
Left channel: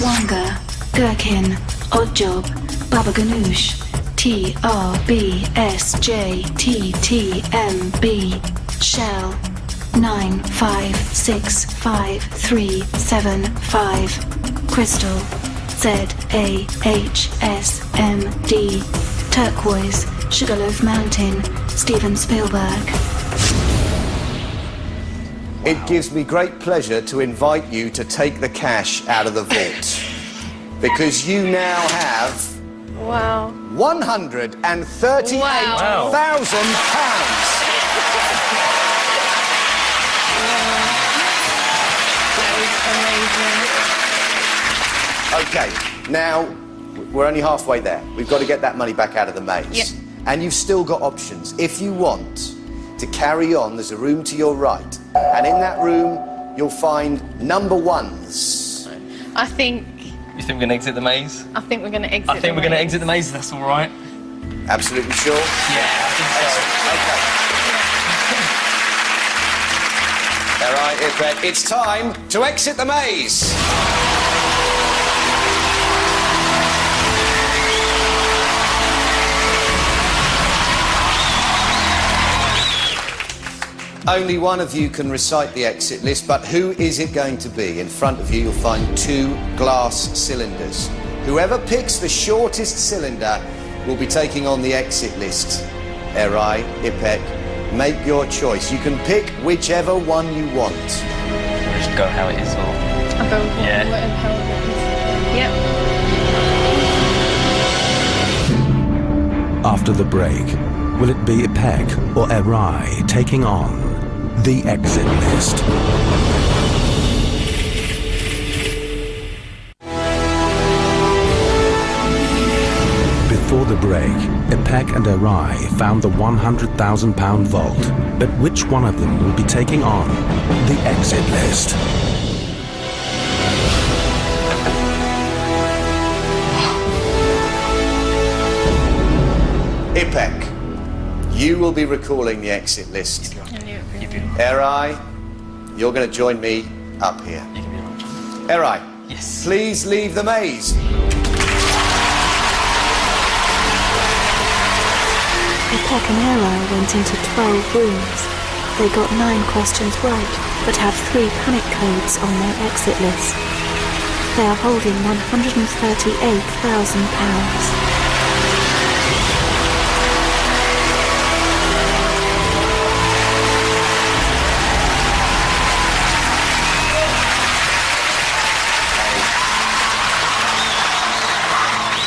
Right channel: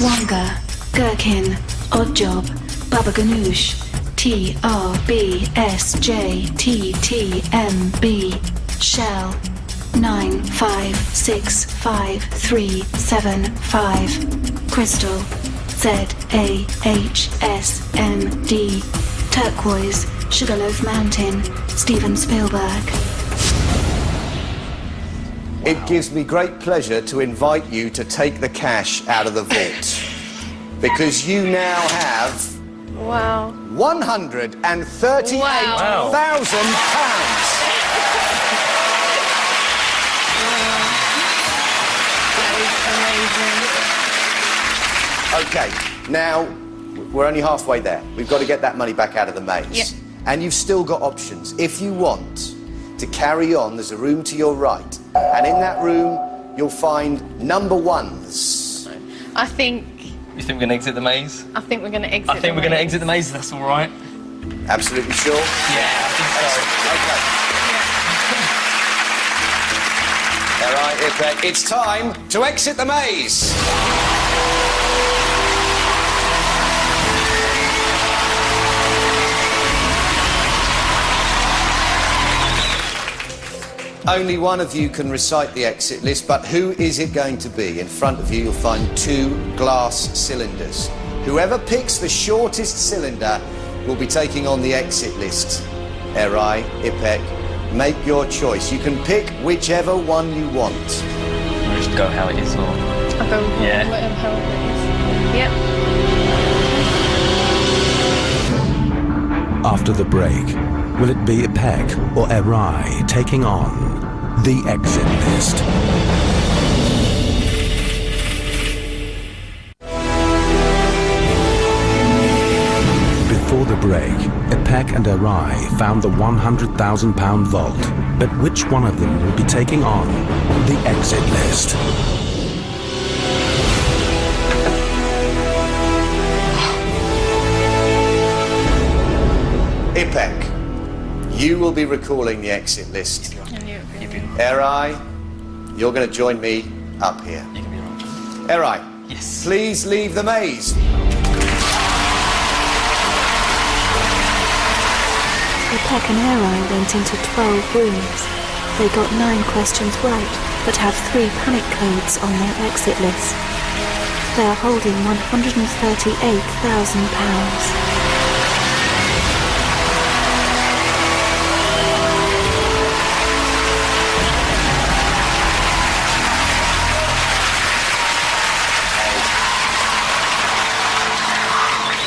Wonga, Gherkin, Oddjob, Baba Ganoush, TRBSJTTMB, Shell, 9565375, Crystal, ZAHSMD, Turquoise, Sugarloaf Mountain, Steven Spielberg. It gives me great pleasure to invite you to take the cash out of the vault. Because you now have Wow. £138,000. Okay, now we're only halfway there. We've got to get that money back out of the maze. Yep. And you've still got options. If you want to carry on, there's a room to your right. And in that room, you'll find number ones. I think... You think we're going to exit the maze? I think we're going to exit I think we're going to exit the maze, that's all right. Absolutely sure? Yeah, I think so. Okay. All right, Ipek, it's time to exit the maze. Only one of you can recite the exit list, but who is it going to be? In front of you, you'll find 2 glass cylinders. Whoever picks the shortest cylinder will be taking on the exit list. Erai, Ipek, make your choice. You can pick whichever one you want. We'll just go how it is, or... I'll go with whatever hell it is. Yep. After the break, will it be Ipek or Erai taking on the exit list? Before the break, Ipek and Erai found the £100,000 vault. But which one of them will be taking on the exit list? Ipek, you will be recalling the exit list. Erai, you're going to join me up here. You can be right. Erai, Yes. please leave the maze. Ipek and Erai went into 12 rooms. They got 9 questions right, but have 3 panic codes on their exit list. They are holding £138,000.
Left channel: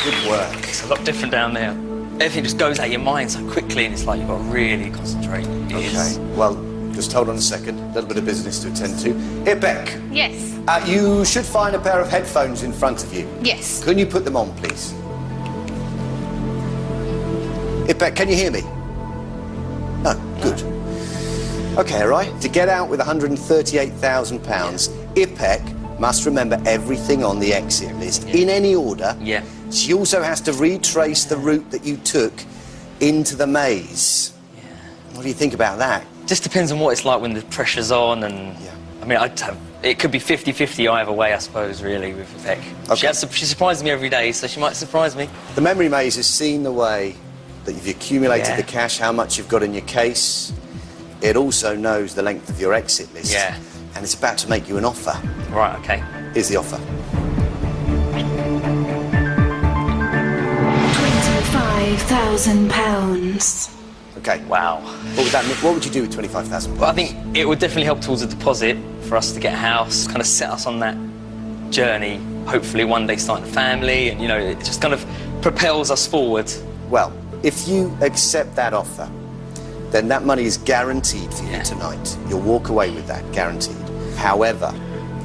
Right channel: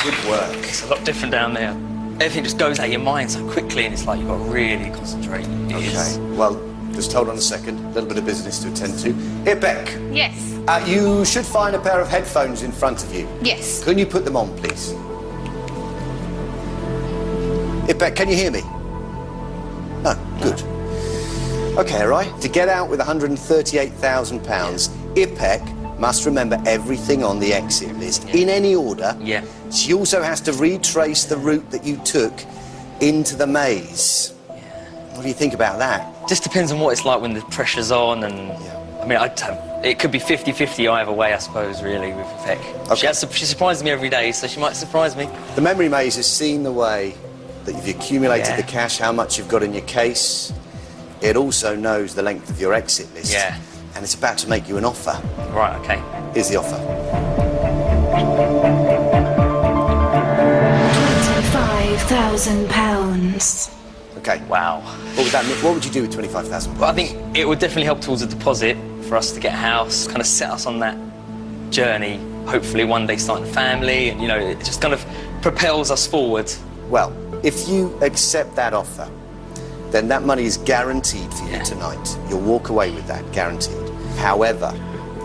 Good work. It's a lot different down there. Everything just goes out of your mind so quickly, and it's like you've got to really concentrate. Okay, well, just hold on a second. A little bit of business to attend to. Ipek, Yes. you should find a pair of headphones in front of you. Yes. Can you put them on, please? Ipek, can you hear me? No, good. Okay, all right. To get out with £138,000, Ipek must remember everything on the exit list in any order. Yeah. She also has to retrace the route that you took into the maze. Yeah. What do you think about that? Just depends on what it's like when the pressure's on, and I mean, it could be 50-50 either way, I suppose, really, with Ipek. Okay. She surprises me every day, so she might surprise me. The memory maze has seen the way that you've accumulated the cash, how much you've got in your case. It also knows the length of your exit list. Yeah. And it's about to make you an offer. Right, okay. Here's the offer. £25,000. Okay. Wow. What would that mean? What would you do with £25,000? Well, I think it would definitely help towards a deposit for us to get a house, kind of set us on that journey, hopefully one day starting a family, and, you know, it just kind of propels us forward. Well, if you accept that offer, then that money is guaranteed for you tonight. You'll walk away with that, guaranteed. However,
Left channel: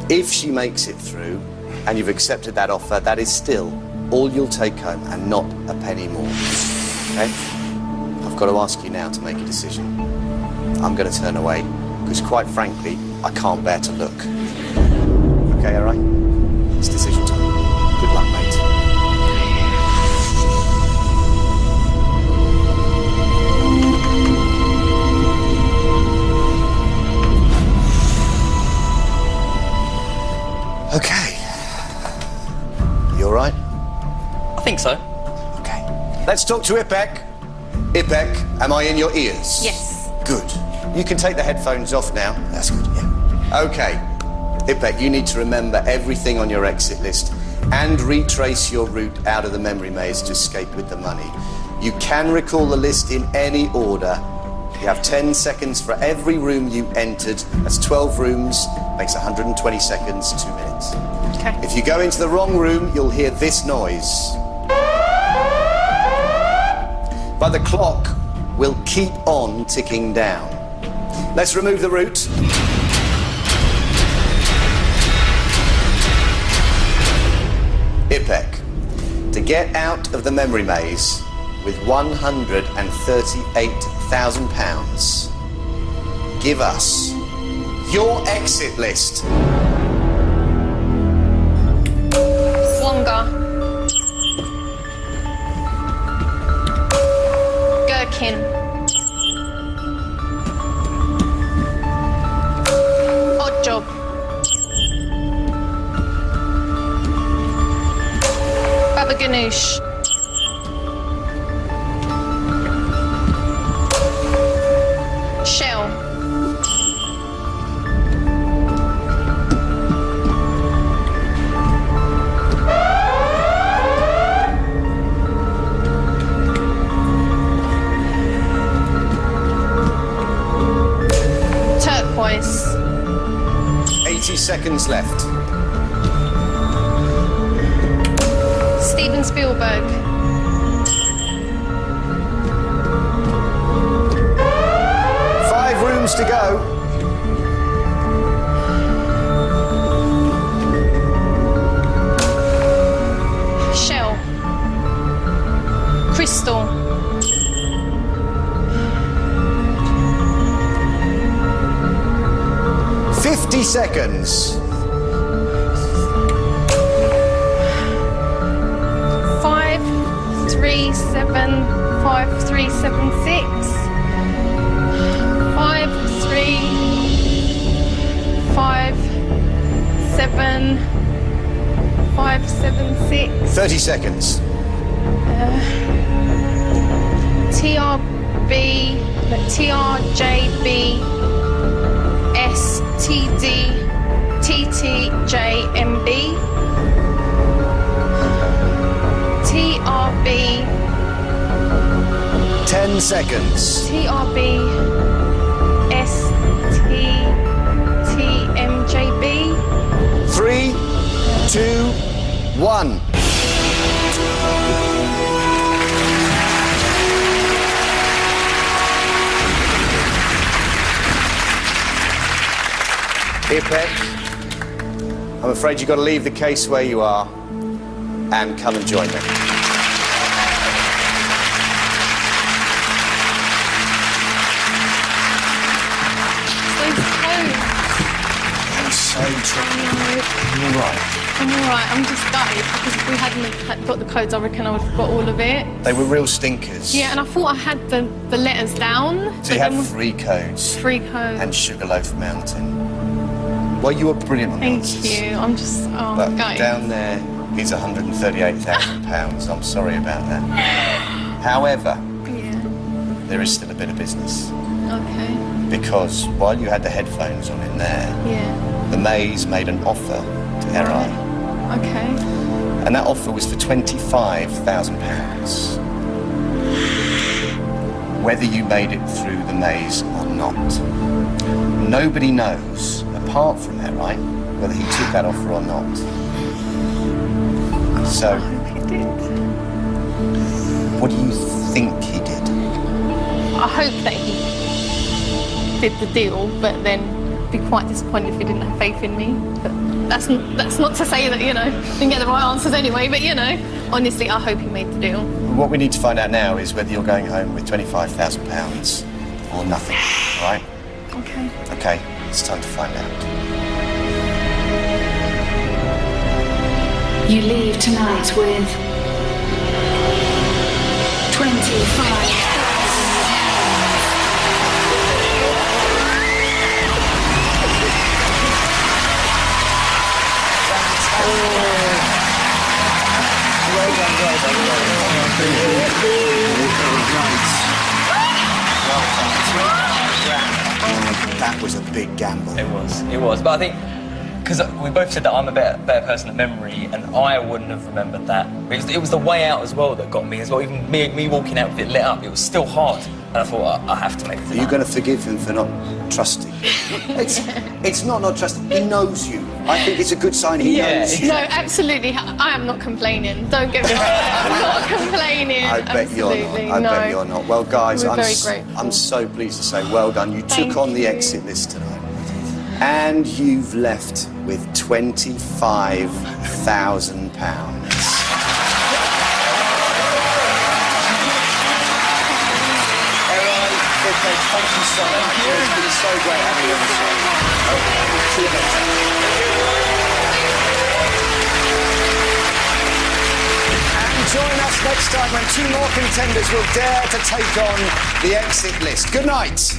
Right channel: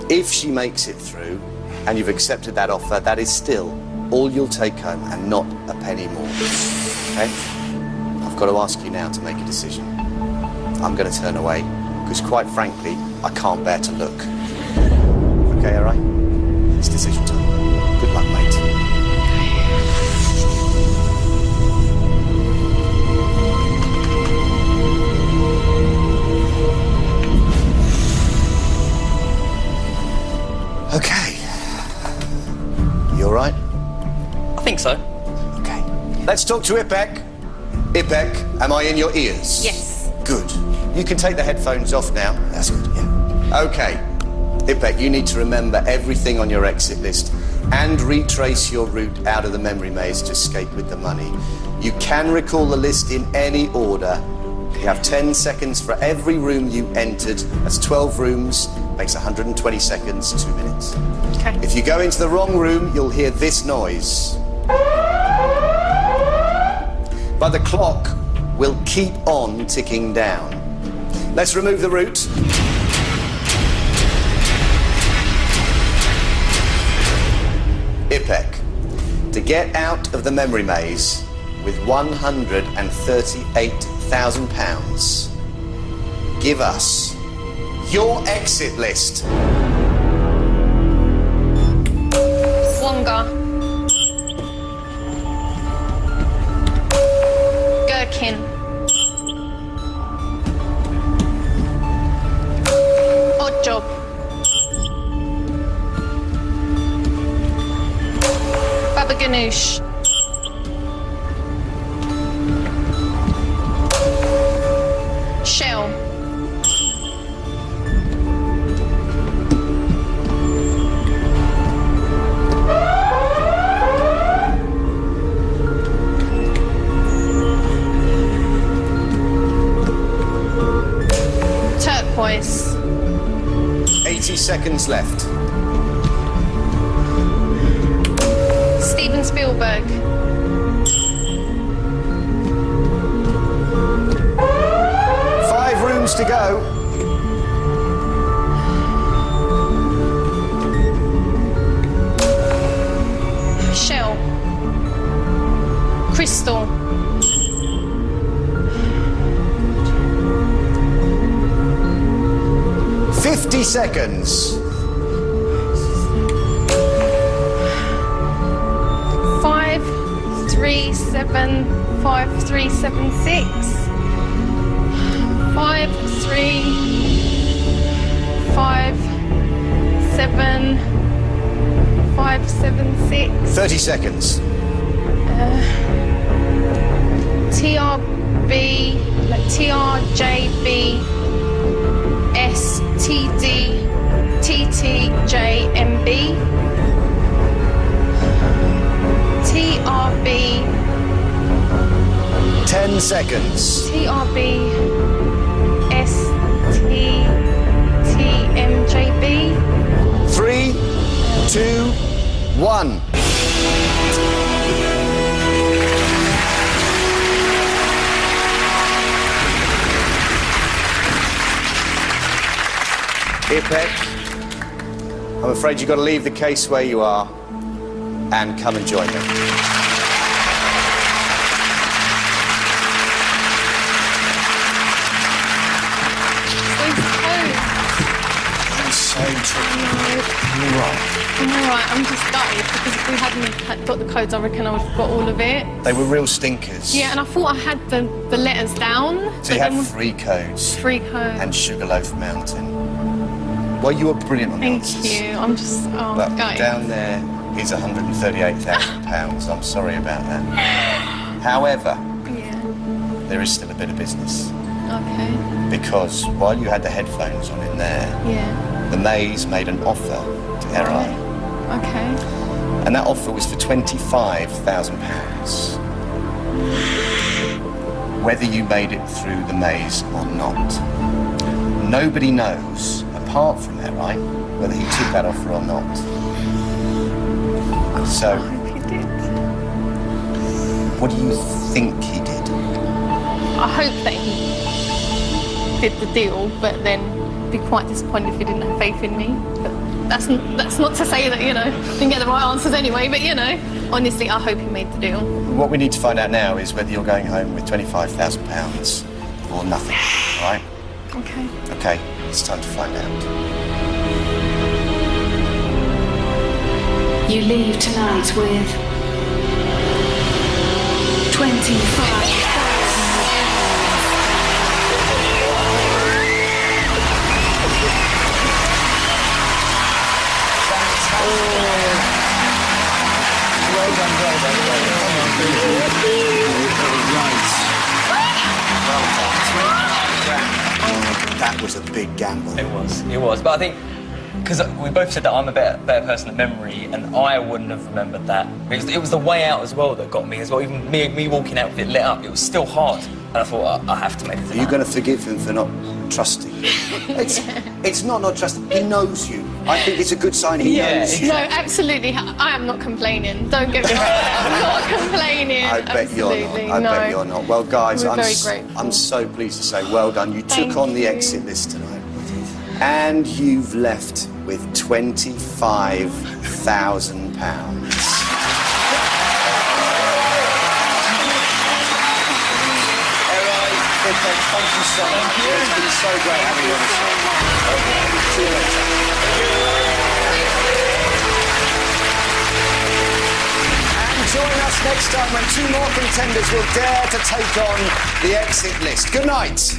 if she makes it through and you've accepted that offer, that is still all you'll take home and not a penny more. Okay? I've got to ask you now to make a decision. I'm going to turn away because, quite frankly, I can't bear to look. Okay, all right? It's decision time. Good luck, mate. Okay. You all right? I think so. Let's talk to Ipek. Ipek, am I in your ears? Yes. Good. You can take the headphones off now. That's good, yeah. OK. Ipek, you need to remember everything on your exit list and retrace your route out of the memory maze to escape with the money. You can recall the list in any order. You have 10 seconds for every room you entered. That's 12 rooms, makes 120 seconds, 2 minutes. Okay. If you go into the wrong room, you'll hear this noise. But the clock will keep on ticking down. Let's remove the route. Ipek, to get out of the memory maze with £138,000, give us your exit list. Wonga. Gherkin. Odd Job. Baba Ganoush. Shell. Turquoise. 80 seconds left. Steven Spielberg. Five rooms to go. Shell. Crystal. $50 seconds. 5375376. 5357576. 30 seconds. TRB, TRJB, STD, TTJMB, TRB, 10 seconds. TRB, STTMJB. 3, 2, 1. Ipek, I'm afraid you've got to leave the case where you are and come and join me. I'm so tricky. You're all right. I'm all right. I'm just gutted because if we hadn't got the codes, I reckon I would have got all of it. They were real stinkers. Yeah, and I thought I had the letters down. So you had 3 codes. 3 codes. And Sugarloaf Mountain. Well, you were brilliant on the answers. Thank you. I'm just, But gutted. down there is £138,000. I'm sorry about that. However, Yeah. there is still a bit of business. Okay. Because while you had the headphones on in there, Yeah. the maze made an offer to RI. Okay. And that offer was for £25,000. Whether you made it through the maze or not. Nobody knows, apart from RI, whether he took that offer or not. So, I hope he did. what do you think he did? I hope that he did the deal, but then be quite disappointed if he didn't have faith in me. But that's not to say that, didn't get the right answers anyway, but, honestly, I hope he made the deal. What we need to find out now is whether you're going home with £25,000 or nothing, all right? Okay. Okay, it's time to find out. You leave tonight with £25,000. Well done, well done, well done. That was a big gamble. It was. But I think, because we both said that I'm a better person at memory, and I wouldn't have remembered that. It was the way out as well that got me as well. Even me walking out with it lit up, it was still hard. And I thought, I have to make it tonight. Are you going to forgive him for not trusting you? It's not trusting. He knows you. I think it's a good sign he knows you. No, absolutely. I am not complaining. Don't get me wrong. I'm not complaining. I bet you're not. I bet you're not. Well, guys, I'm so pleased to say well done. You took on the exit list tonight. And you've left with £25,000. Thank you so much. It's been so great having you on the show. Okay. See you later. And join us next time when 2 more contenders will dare to take on the exit list. Good night.